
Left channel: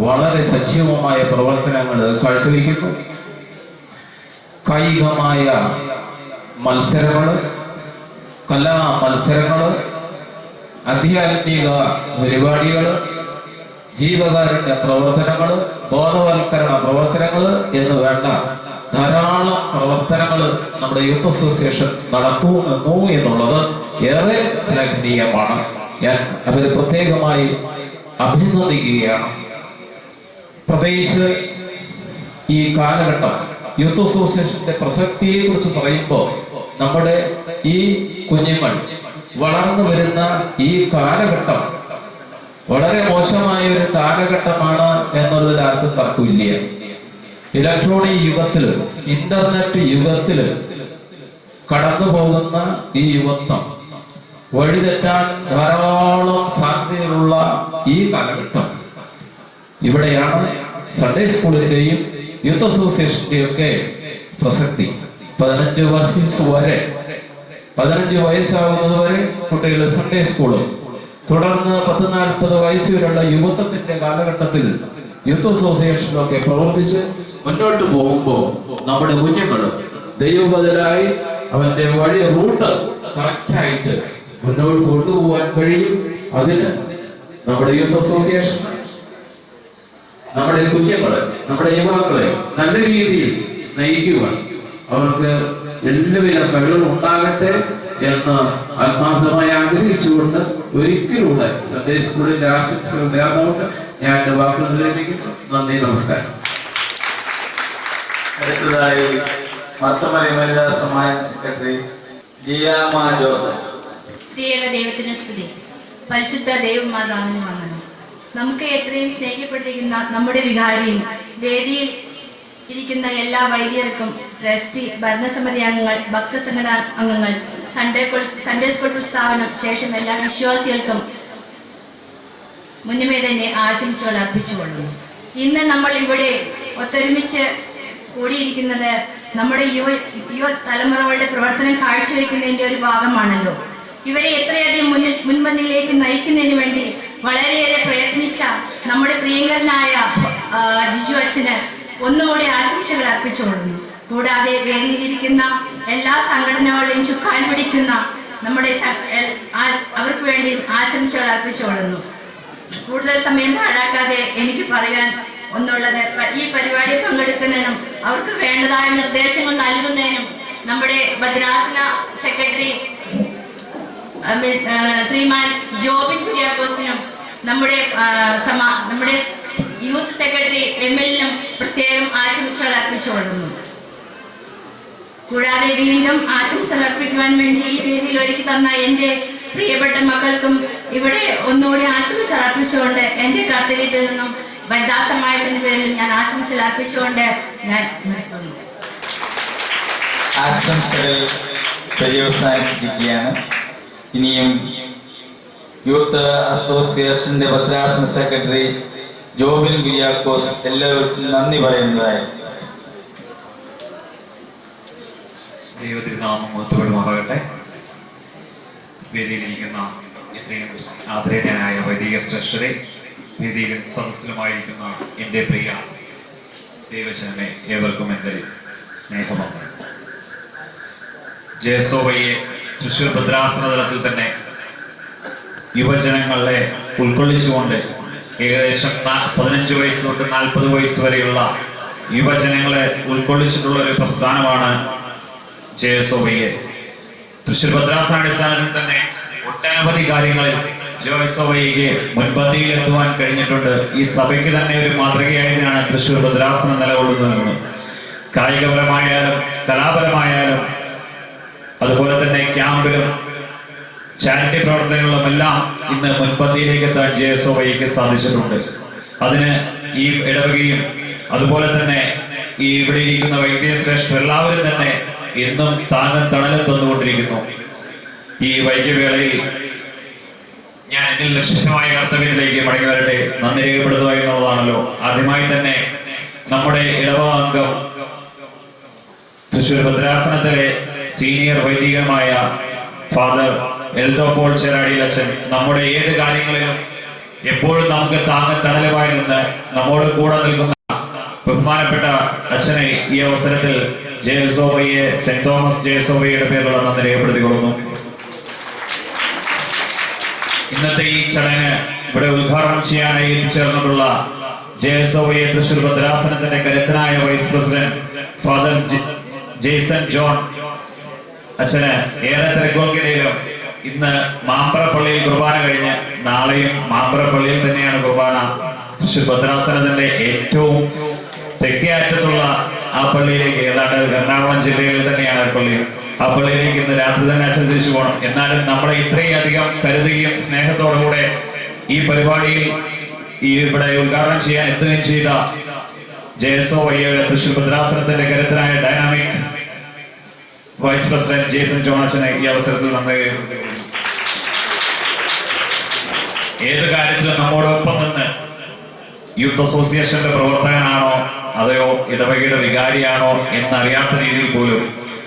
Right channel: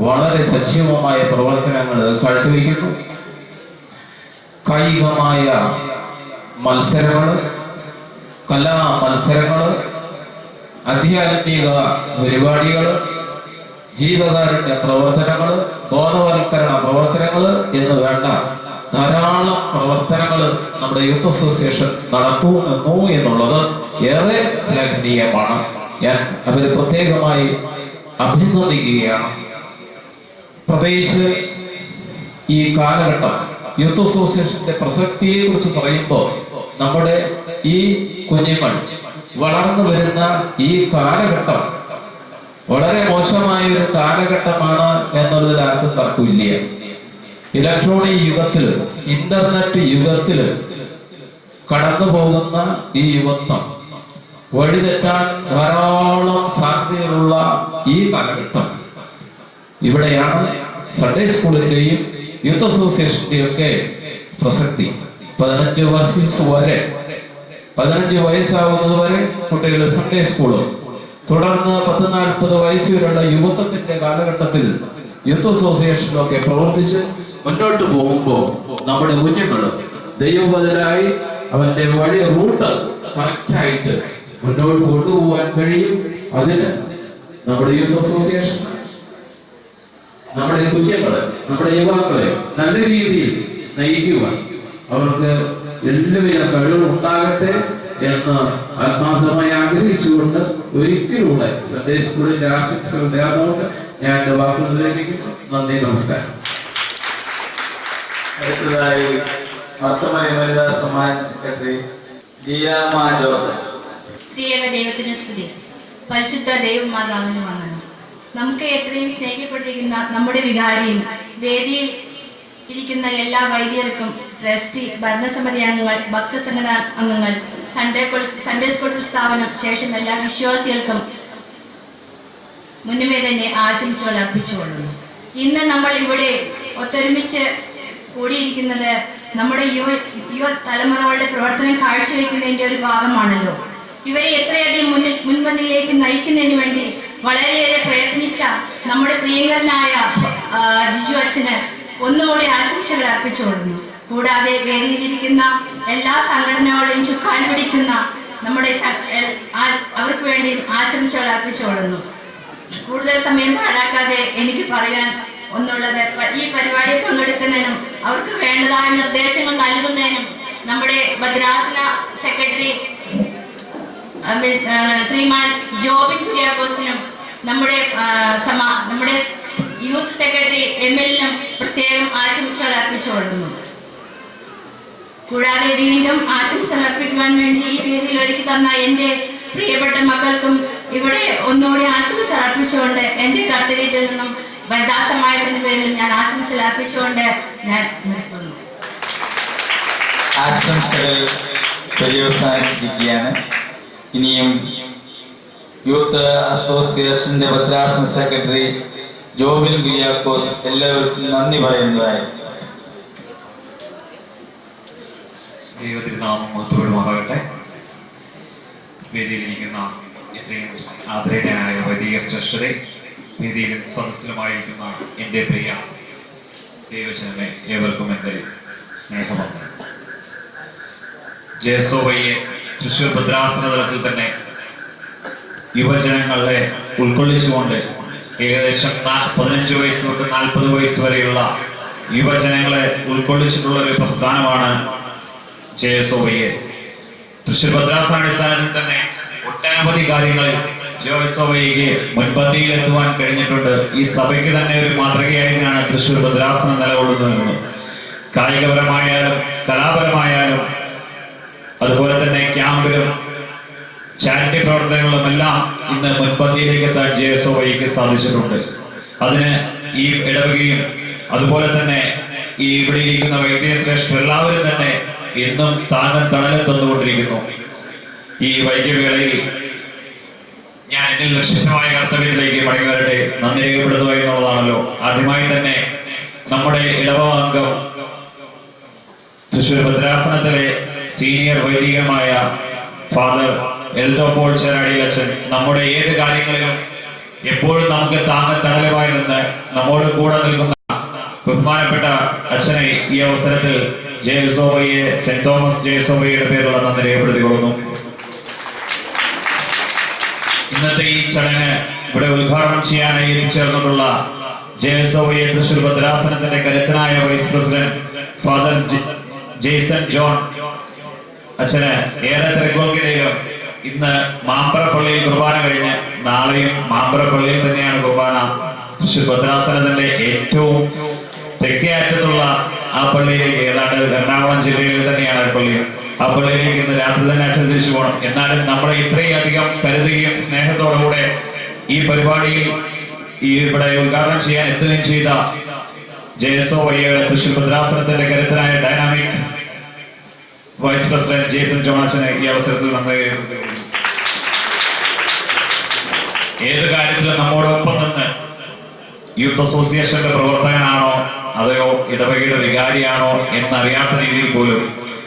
വളരെ സജീവമായ പ്രവർത്തനങ്ങൾ കാഴ്ചവെക്കുന്നു. കായികമായ മത്സരങ്ങൾ, കലാ മത്സരങ്ങൾ, ആധ്യാത്മിക പരിപാടികൾ, ജീവകാരുണ്യ പ്രവർത്തനങ്ങൾ, ബോധവൽക്കരണ പ്രവർത്തനങ്ങൾ എന്ന് വേണ്ട ധാരാളം പ്രവർത്തനങ്ങൾ നമ്മുടെ യൂത്ത് അസോസിയേഷൻ നടത്തുന്നു എന്നുള്ളത് ഏറെ ശ്ലാഘനീയമാണ്. ഞാൻ അവരെ പ്രത്യേകമായി അഭിനന്ദിക്കുകയാണ്. പ്രത്യേകിച്ച് ഈ കാലഘട്ടം യൂത്ത് അസോസിയേഷന്റെ പ്രസക്തിയെ കുറിച്ച് പറയുമ്പോൾ നമ്മുടെ ഈ കുഞ്ഞുങ്ങൾ വളർന്നു വരുന്ന ഈ കാലഘട്ടം വളരെ മോശമായ ഒരു കാലഘട്ടമാണ് എന്നുള്ളതിൽ ആർക്കും തർക്കമില്ല. ഇലക്ട്രോണിക് യുഗത്തില്, ഇന്റർനെറ്റ് യുഗത്തില് കടന്നു പോകുന്ന ഈ യുവത്വം വഴിതെറ്റാൻ ധാരാളം സാധ്യതയുള്ള ഈ കാലഘട്ടം ഇവിടെയാണ് സൺഡേ സ്കൂളിന്റെയും യൂത്ത് അസോസിയേഷന്റെയും ഒക്കെ പ്രസക്തി. 15 വയസ്സാവുന്നത് വരെ കുട്ടികൾ സൺഡേ സ്കൂളും, തുടർന്ന് 10-40 വയസ്സ് വരെയുള്ള യുവത്വത്തിന്റെ കാലഘട്ടത്തിൽ യൂത്ത് അസോസിയേഷനിലൊക്കെ പ്രവർത്തിച്ച് മുന്നോട്ട് പോകുമ്പോൾ നമ്മുടെ കുഞ്ഞുങ്ങൾ ദൈവബദലായി അവന്റെ വഴി റൂട്ട് കറക്റ്റായിട്ട് മുന്നോട്ട് കൊണ്ടുപോകാൻ കഴിയും. അതിന് നമ്മുടെ യൂത്ത് അസോസിയേഷൻ നമ്മുടെ കുഞ്ഞുങ്ങളെ, നമ്മുടെ യുവാക്കളെ നല്ല രീതിയിൽ നയിക്കുവാൻ അവർക്ക് എല്ലാവിധ കഴിവുകൾ ഉണ്ടാകട്ടെ എന്ന് ആത്മാർത്ഥമായി ആഗ്രഹിച്ചുകൊണ്ട് ഒരിക്കലൂടെ സൺഡേ സ്കൂളിന്റെ ആശംസകൾ നേർന്നുകൊണ്ട് ഞാൻ എന്റെ വാക്കുകൾ നിർവഹിക്കുന്നു. നന്ദി, നമസ്കാരം. അടുത്തതായി മർത്തമലൈ വനിതാ സമാജ സെക്രട്ടറി ലിയാമ ജോസഫ്. ത്രിയേക ദൈവത്തിന് സ്തുതി. പരിശുദ്ധ ദൈവമാതാവിന് വന്ദനം. നമുക്ക് എത്രയും സ്നേഹിക്കപ്പെട്ടിരിക്കുന്ന നമ്മുടെ വികാരിയും വേദിയിൽ ഇരിക്കുന്ന എല്ലാ വൈദികർക്കും, ട്രസ്റ്റി, ഭരണസമിതി അംഗങ്ങൾ, ഭക്തസംഘടന അംഗങ്ങൾ, സൺഡേ സ്കൂൾ സ്ഥാപനം ശേഷം എല്ലാ വിശ്വാസികൾക്കും മുന്നമേ തന്നെ ആശംസകൾ അർപ്പിച്ചുകൊള്ളുന്നു. ഇന്ന് നമ്മൾ ഇവിടെ ഒത്തൊരുമിച്ച് കൂടിയിരിക്കുന്നത് നമ്മുടെ യുവ തലമുറകളുടെ പ്രവർത്തനം കാഴ്ചവെക്കുന്നതിന്റെ ഒരു ഭാഗമാണല്ലോ. ഇവരെ എത്രയധികം മുൻപന്തിയിലേക്ക് നയിക്കുന്നതിന് വേണ്ടി വളരെയേറെ പ്രയത്നിച്ച നമ്മുടെ പ്രിയങ്കരനായ ജിജു അച്ഛന് ഒന്നുകൂടി ആശംസകൾ അർപ്പിച്ചുകൊള്ളുന്നു. കൂടാതെ വേദിയിലിരിക്കുന്ന എല്ലാ സംഘടനകളെയും ചുക്കാൻ പിടിക്കുന്ന നമ്മുടെ അവർക്ക് വേണ്ടി ആശംസകൾ അർപ്പിച്ചുകൊള്ളുന്നു. കൂടുതൽ സമയം പാഴാക്കാതെ എനിക്ക് പറയാൻ ഒന്നുള്ളത്, ഈ പരിപാടിയിൽ പങ്കെടുക്കുന്നതിനും അവർക്ക് വേണ്ടതായ നിർദ്ദേശങ്ങൾ നൽകുന്നതിനും നമ്മുടെ ഭദ്രാസന സെക്രട്ടറി ശ്രീമാൻ ജോബിൻ കുര്യാക്കോസിനും നമ്മുടെ യൂത്ത് സെക്രട്ടറി എംഎല്ലിനും പ്രത്യേകം ആശംസകൾ അർപ്പിച്ചുകൊള്ളുന്നു. കൂടാതെ വീണ്ടും ആശംസകൾ അർപ്പിക്കുവാൻ വേണ്ടി ഈ വേദിയിൽ ഒരുക്കി തന്ന എൻ്റെ പ്രിയപ്പെട്ട മക്കൾക്കും ഇവിടെ ഒന്നുകൂടി ആശംസകൾ അർപ്പിച്ചുകൊണ്ട് എൻ്റെ കർത്തവ്യത്തിൽ നിന്നും വനിതാ സമാജത്തിന്റെ പേരിൽ ഞാൻ ആശംസകൾ അർപ്പിച്ചുകൊണ്ട് ഞാൻ നിർത്തുന്നു. ആശംസകൾ പര്യവസാനിച്ചിരിക്കുകയാണ്. ഇനിയും യൂത്ത് അസോസിയേഷന്റെ ഭദ്രാസന സെക്രട്ടറി ജോബിൻ കുര്യാക്കോസ് എല്ലാവർക്കും നന്ദി പറയുന്നതായി. ദൈവത്തിരുനാമം മഹത്വപ്പെടുമാറാകട്ടെ. വേദിയിലിരിക്കുന്ന എത്രയും ആദരണീയനായ വൈദിക ശ്രേഷ്ഠരെ, വേദിയിലും സദസ്സിലുമായിരിക്കുന്ന എൻ്റെ പ്രിയ ദൈവജനമേ, ഏവർക്കും എൻ്റെ സ്നേഹമാണ്. ജയസോവയെ തൃശ്ശൂർ ഭദ്രാസന തലത്തിൽ തന്നെ യുവജനങ്ങളെ ഉൾക്കൊള്ളിച്ചുകൊണ്ട് ഏകദേശം 15 വയസ്സ് തൊട്ട് 40 വയസ്സ് വരെയുള്ള യുവജനങ്ങളെ ഉൾക്കൊള്ളിച്ചിട്ടുള്ള ഒരു പ്രസ്ഥാനമാണ് ജയസോവയെ. തൃശ്ശൂർ ഭദ്രാസന അടിസ്ഥാനത്തിൽ തന്നെ ഒട്ടനവധി കാര്യങ്ങളിൽ ജോയ്സോവയ്ക്ക് മുൻപന്തിയിൽ എത്തുവാൻ കഴിഞ്ഞിട്ടുണ്ട്. ഈ സഭയ്ക്ക് തന്നെ ഒരു മാതൃകയായിട്ടാണ് തൃശ്ശൂർ ഭദ്രാസനം നിലകൊള്ളുന്നത്. കായികപരമായാലും കലാപരമായാലും അതുപോലെ തന്നെ ക്യാമ്പിലും ചാരിറ്റി പ്രവർത്തനങ്ങളിലും എല്ലാം ഇന്ന് മുൻപന്തിയിലേക്ക് എത്താൻ ജോയ്സോവയ്ക്ക് സാധിച്ചിട്ടുണ്ട്. അതിന് ഈ ഇടവകയും അതുപോലെ തന്നെ ഈ ഇവിടെ ഇരിക്കുന്ന വൈദ്യശ്രേഷ്ഠർ എല്ലാവരും തന്നെ എന്നും താങ്ങും തണലും തന്നുകൊണ്ടിരിക്കുന്നു. ഈ വൈദ്യവേളയിൽ ഞാൻ എന്നിൽ നിശ്ചിതമായ കർത്തവ്യത്തിലേക്ക് മടങ്ങി വരട്ടെ, നന്ദി രേഖപ്പെടുത്തുക എന്നുള്ളതാണല്ലോ. ആദ്യമായി തന്നെ നമ്മുടെ ഇടവകാംഗം തൃശ്ശൂർ ഭദ്രാസനത്തിലെ സീനിയർ വൈദികമായ ഫാദർ എൽദോ പോൾ ചേരാടിയച്ഛൻ നമ്മുടെ ഏത് കാര്യങ്ങളിലും എപ്പോഴും നമുക്ക് താങ്ങും തണലുമായി നിന്ന് നമ്മോട് കൂടെ നിൽക്കുന്ന ബഹുമാനപ്പെട്ട അച്ഛനെ ഈ അവസരത്തിൽ ജയസോവയെ സെന്റ് തോമസ് ജയസോവയുടെ പേരുള്ള നന്ദി രേഖപ്പെടുത്തിക്കൊള്ളുന്നു. ഇന്നത്തെ ഈ ചടങ്ങ് ഇവിടെ ഉദ്ഘാടനം ചെയ്യാനായി എത്തിച്ചേർന്നിട്ടുള്ള ജയസോവയെ തൃശ്ശൂർ ഭദ്രാസനത്തിന്റെ കരുത്തനായ vice president father Jaison John അച്ഛന് ഏറെ തിരക്കുകൾക്കിടയിലും ഇന്ന് മാമ്പറപ്പള്ളിയിൽ കുർബാന കഴിഞ്ഞ് നാളെയും മാമ്പറപ്പള്ളിയിൽ തന്നെയാണ് കുർബാന. തൃശ്ശൂർ ഭദ്രാസനത്തിന്റെ ഏറ്റവും തെക്കേ അറ്റത്തുള്ള ആ പള്ളിയിലേക്ക്, ഏതാണ്ട് എറണാകുളം ജില്ലയിൽ തന്നെയാണ് പള്ളി. ആ പള്ളിയിലേക്ക് ഇന്ന് രാത്രി തന്നെ അച്ഛൻ തിരിച്ചു പോകണം. എന്നാലും നമ്മളെ ഇത്രയും അധികം കരുതുകയും സ്നേഹത്തോടുകൂടെ ഈ പരിപാടിയിൽ ഇവിടെ ഉദ്ഘാടനം ചെയ്യാൻ എത്തുകയും ചെയ്ത ജയസോവയ്യയുടെ തൃശ്ശൂർ ഭദ്രാസനത്തിന്റെ കരുത്തനായ ഡൈനാമിക് വൈസ് പ്രസിഡന്റ് ജെയ്സൺ ജോണച്ചനെ ഈ അവസരത്തിൽ നമ്മൾ ഏത് കാര്യത്തിലും നമ്മോടൊപ്പം നിന്ന് യൂത്ത് അസോസിയേഷന്റെ പ്രവർത്തകനാണോ അതെയോ ഇടവകയുടെ വികാരിയാണോ എന്നറിയാത്ത രീതിയിൽ പോലും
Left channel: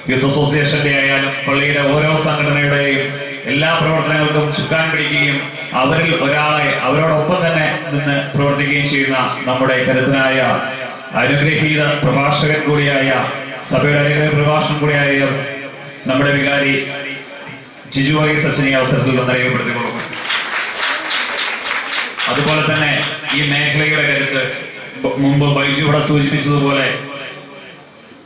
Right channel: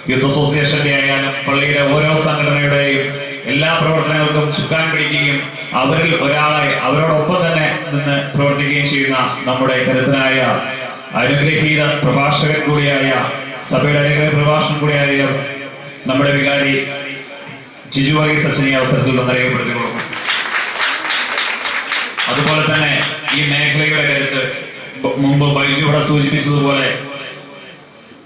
യൂത്ത് അസോസിയേഷന്റെ ആയാലും പള്ളിയുടെ ഓരോ സംഘടനയുടെയും എല്ലാ പ്രവർത്തനങ്ങൾക്കും ചുക്കാൻ പിടിക്കുകയും അവരിൽ ഒരാളെ അവരോടൊപ്പം തന്നെ നിന്ന് പ്രവർത്തിക്കുകയും ചെയ്യുന്ന നമ്മുടെ കരുത്തനായ അനുഗ്രഹീത പ്രഭാഷകൻ കൂടിയായ സഭയുടെ അനുഗ്രഹ പ്രഭാഷകൻ കൂടിയായ നമ്മുടെ വികാരി ജിജു വൈസ് അച്ഛൻ ഈ അവസരത്തിൽ അറിയപ്പെടുത്തിക്കൊള്ളും. അതുപോലെ തന്നെ ഈ മേഖലയുടെ കരുത്ത് മുമ്പ് ബൈജു ഇവിടെ സൂചിപ്പിച്ചതുപോലെ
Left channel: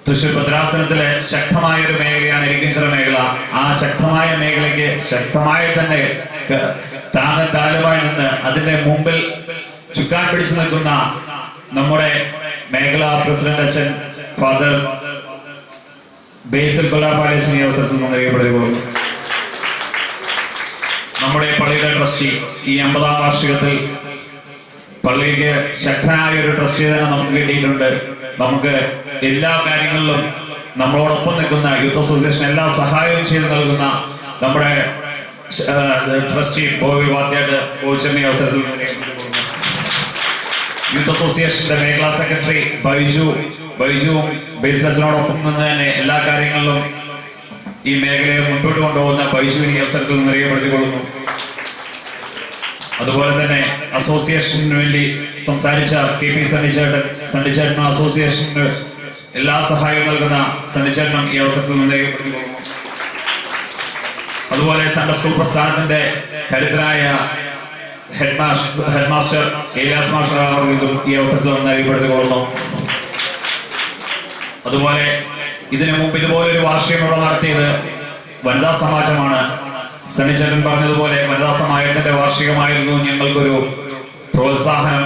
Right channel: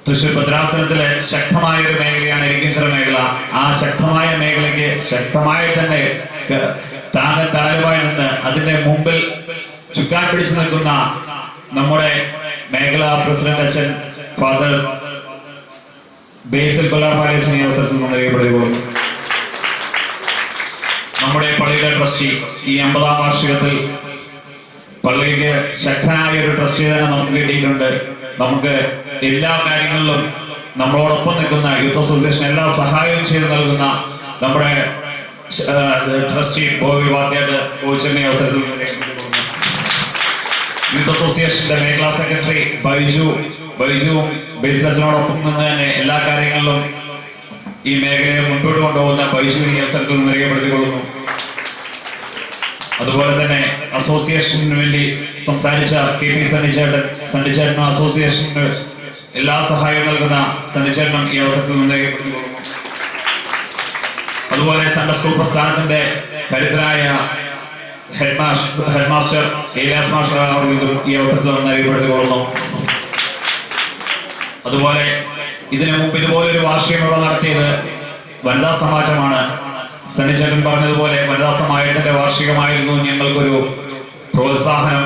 തൃശ്ശൂർ ഭദ്രാസനത്തിലെ ശക്തമായ ഒരു മേഖലയാണ് ഇരിക്കിഞ്ചിറ മേഖല. ആ ശക്തമായ മേഖലയ്ക്ക് ശക്തമായി തന്നെ താങ്ങുമായി നിന്ന് അതിന്റെ മുമ്പിൽ ചുക്കാൻ പിടിച്ചു നിൽക്കുന്ന നമ്മുടെ മേഖലാ പ്രസിഡന്റ് അച്ഛൻ ഫാദർ ബേസിൽ കൊല്ലാപ്പാലച്ഛൻ ഈ അവസരത്തിൽ അറിയപ്പെടുകയുള്ളൂ. നമ്മുടെ പള്ളിയുടെ ട്രസ്റ്റി ഈ 50-ാം വാർഷികത്തിൽ പള്ളിക്ക് ശക്തനായ ഒരു ട്രസ്റ്റി തന്നെ നമുക്ക് കിട്ടിയിട്ടുണ്ട്. നമുക്ക് എല്ലാ കാര്യങ്ങളിലും നമ്മളോടൊപ്പം നിൽക്കുന്ന യൂത്ത് അസോസിയേഷൻ എല്ലാ സഹായവും ചെയ്ത് നൽകുന്ന നമ്മുടെ ട്രസ്റ്റി ബോബി വാദ്യാട് കോച്ചിന്റെ അവസരത്തിൽ യൂത്ത് അസോസിയേഷന്റെ മേഖലാ സെക്രട്ടറി ബൈജുവും ബേസിലച്ഛനോടൊപ്പം നിന്ന് തന്നെ എല്ലാ കാര്യങ്ങളിലും ഈ മേഖലയെ മുൻപോട്ട് കൊണ്ടുപോകുന്ന ബൈജു ഈ അവസരത്തിൽ അറിയപ്പെടുത്തിക്കൊള്ളുന്നു. അതുപോലെ തന്നെ അസോസിയേഷന് വേണ്ടി സംസാരിച്ച KP സണ്ണിച്ചേട്ടനും അസോസിയേഷന് എല്ലാ സഹായവും നൽകുന്ന സണ്ണിച്ചേട്ടനും ഈ അവസരത്തിൽ അറിയപ്പെടുത്തിക്കൊള്ളുന്നു. അതുപോലെ സൺഡേ സ്കൂൾ പ്രസ്ഥാനത്തിന്റെ കരുത്തനായ ഹെഡ്മാസ്റ്റർ ഏലിയാസ് മാസ്റ്റർ അവർക്കും ഈ അവസരത്തിൽ അറിയപ്പെടുത്തിക്കൊള്ളുന്നു. അതുപോലെ ഇതിനു മുമ്പ് ഇതുപോലെ ഒരു വാർഷികം നടത്തിയത് വനിതാ സമാജമാണ്. സണ്ണിച്ചേട്ടൻ പറഞ്ഞതുപോലെ വനിതാ സമാജത്തിന്റെ വാർഷികമായിരുന്നു ഞങ്ങൾക്കൊരു പ്രോത്സാഹനം.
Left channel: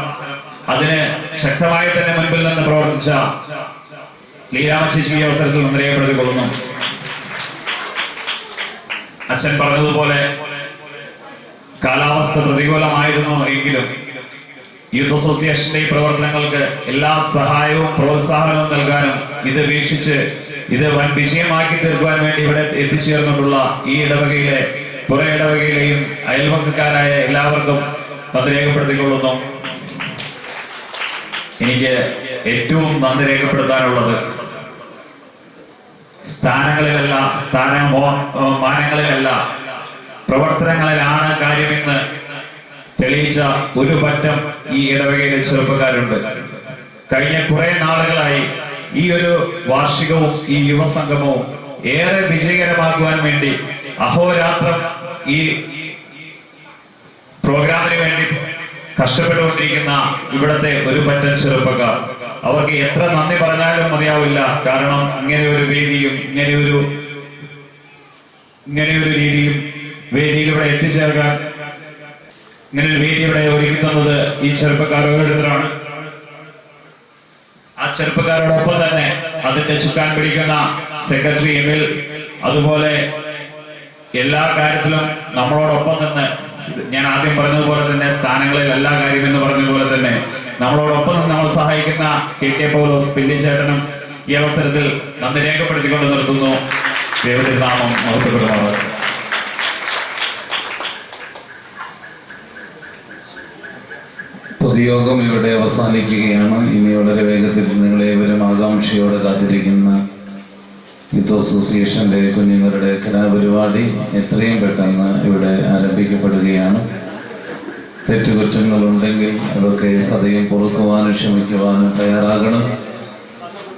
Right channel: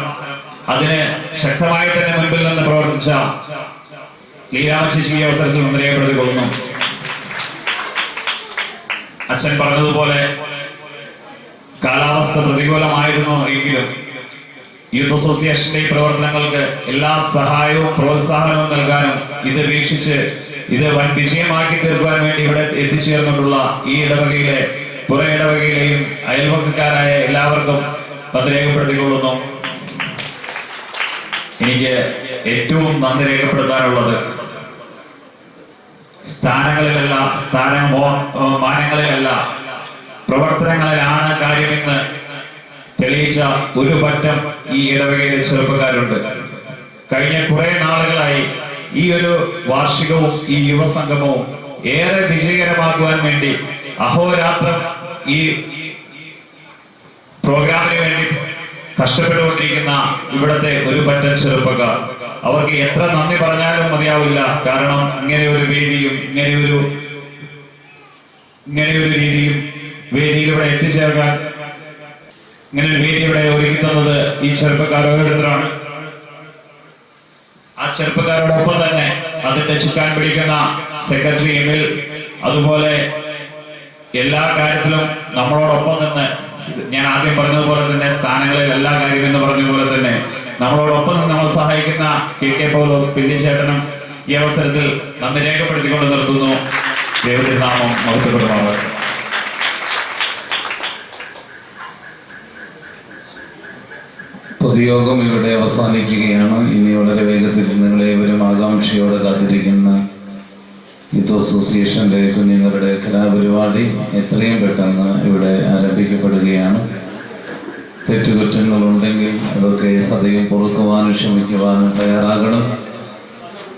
അതിന് ശക്തമായി തന്നെ മുൻപിൽ നിന്ന് പ്രവർത്തിച്ച ലീലാമച്ചി ഈ അവസരത്തിൽ അറിയപ്പെടുത്തിക്കൊള്ളുന്നു. അച്ഛൻ പറഞ്ഞതുപോലെ കാലാവസ്ഥ പ്രതികൂലമായിരുന്നു എങ്കിലും യൂത്ത് അസോസിയേഷന്റെ ഈ പ്രവർത്തനങ്ങൾക്ക് എല്ലാ സഹായവും പ്രോത്സാഹനവും നൽകാനും ഇത് വീക്ഷിച്ച് ഇത് വൻ വിജയമാക്കി തീർക്കുവാൻ വേണ്ടി ഇവിടെ എത്തിച്ചേർന്നിട്ടുള്ള ഈ ഇടവകയിലെ പുറ ഇടവകയിലെയും അയൽപക്കക്കാരായ എല്ലാവർക്കും നന്ദി രേഖപ്പെടുത്തിക്കൊള്ളുന്നു. എനിക്ക് ഏറ്റവും നന്ദി രേഖപ്പെടുത്താനുള്ളത് സ്ഥാനങ്ങളിലല്ല, മാനങ്ങളിലല്ല, പ്രവർത്തനങ്ങളിലാണ് കാര്യമെന്ന് തെളിയിച്ച ഒരു പറ്റം ഈ ഇടവകയിലെ ചെറുപ്പക്കാരുണ്ട്. കഴിഞ്ഞ കുറെ നാളുകളായി ഈ ഒരു വാർഷികവും ഈ യുവസംഗമവും ഏറെ വിജയകരമാക്കുവാൻ വേണ്ടി അഹോരാത്രം ഈ പ്രോഗ്രാമിന് വേണ്ടി കഷ്ടപ്പെട്ടുകൊണ്ടിരിക്കുന്ന ഇവിടത്തെ ഒരു പറ്റം ചെറുപ്പക്കാർ, അവർക്ക് എത്ര നന്ദി പറഞ്ഞാലും മതിയാവില്ല. കാരണം ഇങ്ങനെ ഒരു വേദിയും ഇങ്ങനെ ഒരു രീതിയും വേദിയിലൂടെ എത്തിച്ചേർക്കാൻ ഇങ്ങനെ ഒരു വേദി ഇവിടെ ഒരുക്കി തന്നത് ഈ ചെറുപ്പക്കാരോരോരുത്തരാണ്. ആ ചെറുപ്പക്കാരോടൊപ്പം തന്നെ അതിന്റെ ചുക്കാൻ പിടിക്കുന്ന സെക്രട്ടറി എമിൽ, അതുപോലെ എല്ലാ കാര്യത്തിലും നമ്മളോടൊപ്പം നിന്ന്, ഞാൻ ആദ്യം പറഞ്ഞതുപോലെ തന്നെ സ്ഥാനങ്ങളിൽ എല്ലാ കാര്യം എന്ന് പറഞ്ഞതുപോലെ തന്നെ നമ്മളോടൊപ്പം നിന്ന് നമ്മൾ സഹായിക്കുന്ന KK പൗലോസ് പില്ലിച്ചേട്ടനും ഈ അവസരത്തിൽ നന്ദി രേഖപ്പെടുത്തിക്കൊണ്ട് നിർത്തുന്നു. ദൈവത്തിന്റെ നാമം മഹത്വപ്പെടുമാറാകട്ടെ. പൊതുയോഗം ഇവിടെ അവസാനിക്കുകയാണ്. ഇനി വളരെ വേഗത്തിൽ നിങ്ങളേവരും ആകാംക്ഷയോടെ കാത്തിരിക്കുന്ന യൂത്ത് അസോസിയേഷന്റെ കുഞ്ഞുങ്ങളുടെ കലാപരിപാടി എത്രയും പെട്ടെന്ന് ഇവിടെ ആരംഭിക്കപ്പെടുകയാണ്. തെറ്റുകുറ്റങ്ങളുണ്ടെങ്കിൽ അതൊക്കെ സദയം പൊറുക്കുവാനും ക്ഷമിക്കുവാനും തയ്യാറാകണം.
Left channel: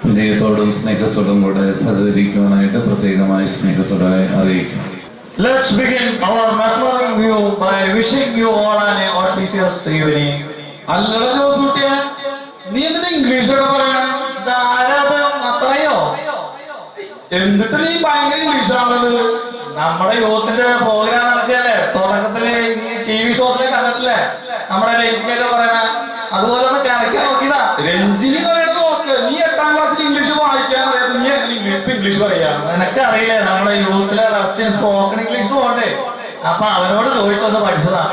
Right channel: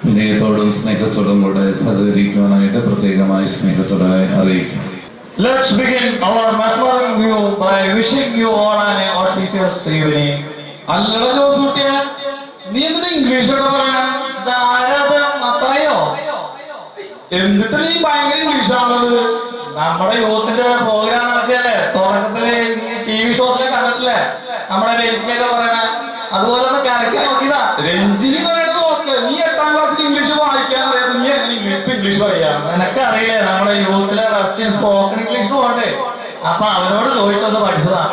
വിനയത്തോടും സ്നേഹത്തോടും കൂടെ സഹകരിക്കുവാനായിട്ട് പ്രത്യേകമായി സ്നേഹത്തോടെ അറിയിക്കും. Let's begin our mesmerizing view by wishing you all an auspicious evening. അല്ലട Jose കുട്ടിയെ, നീ എന്തിനാ ഇംഗ്ലീഷൊക്കെ പറയണ? എന്നിട്ട് നീ ഭയങ്കര ഇംഗ്ലീഷാണത്. നമ്മുടെ യൂത്തിന്റെ പ്രോഗ്രാം നടത്തിയല്ലേ, തുടക്കത്തില് TV ഷോസിലെ കണ്ടിട്ടില്ലേ നമ്മുടെ രഞ്ജിനിയൊക്കെ പറയണ, അതുപോലെ ഒന്ന് കലക്കി നോക്കിയതാ. രഞ്ജിനി പറയണത് നോക്ക്. നീ 8ാം ക്ലാസ്സിൽ ഇംഗ്ലീഷ് വായിക്കാൻ അറിയാതെ നീ എങ്ങനെ ഇംഗ്ലീഷ് പറയാ? നിനക്ക് അറിയില്ലേ നമ്മുടെ യൂത്തിലെ റെസ്റ്റ് സ്പോക്കൺ ഇംഗ്ലീഷ് പോകണ്ടേ, അപ്പൊ അവരോട് ചോദിച്ചൊന്ന് പഠിച്ചതാ.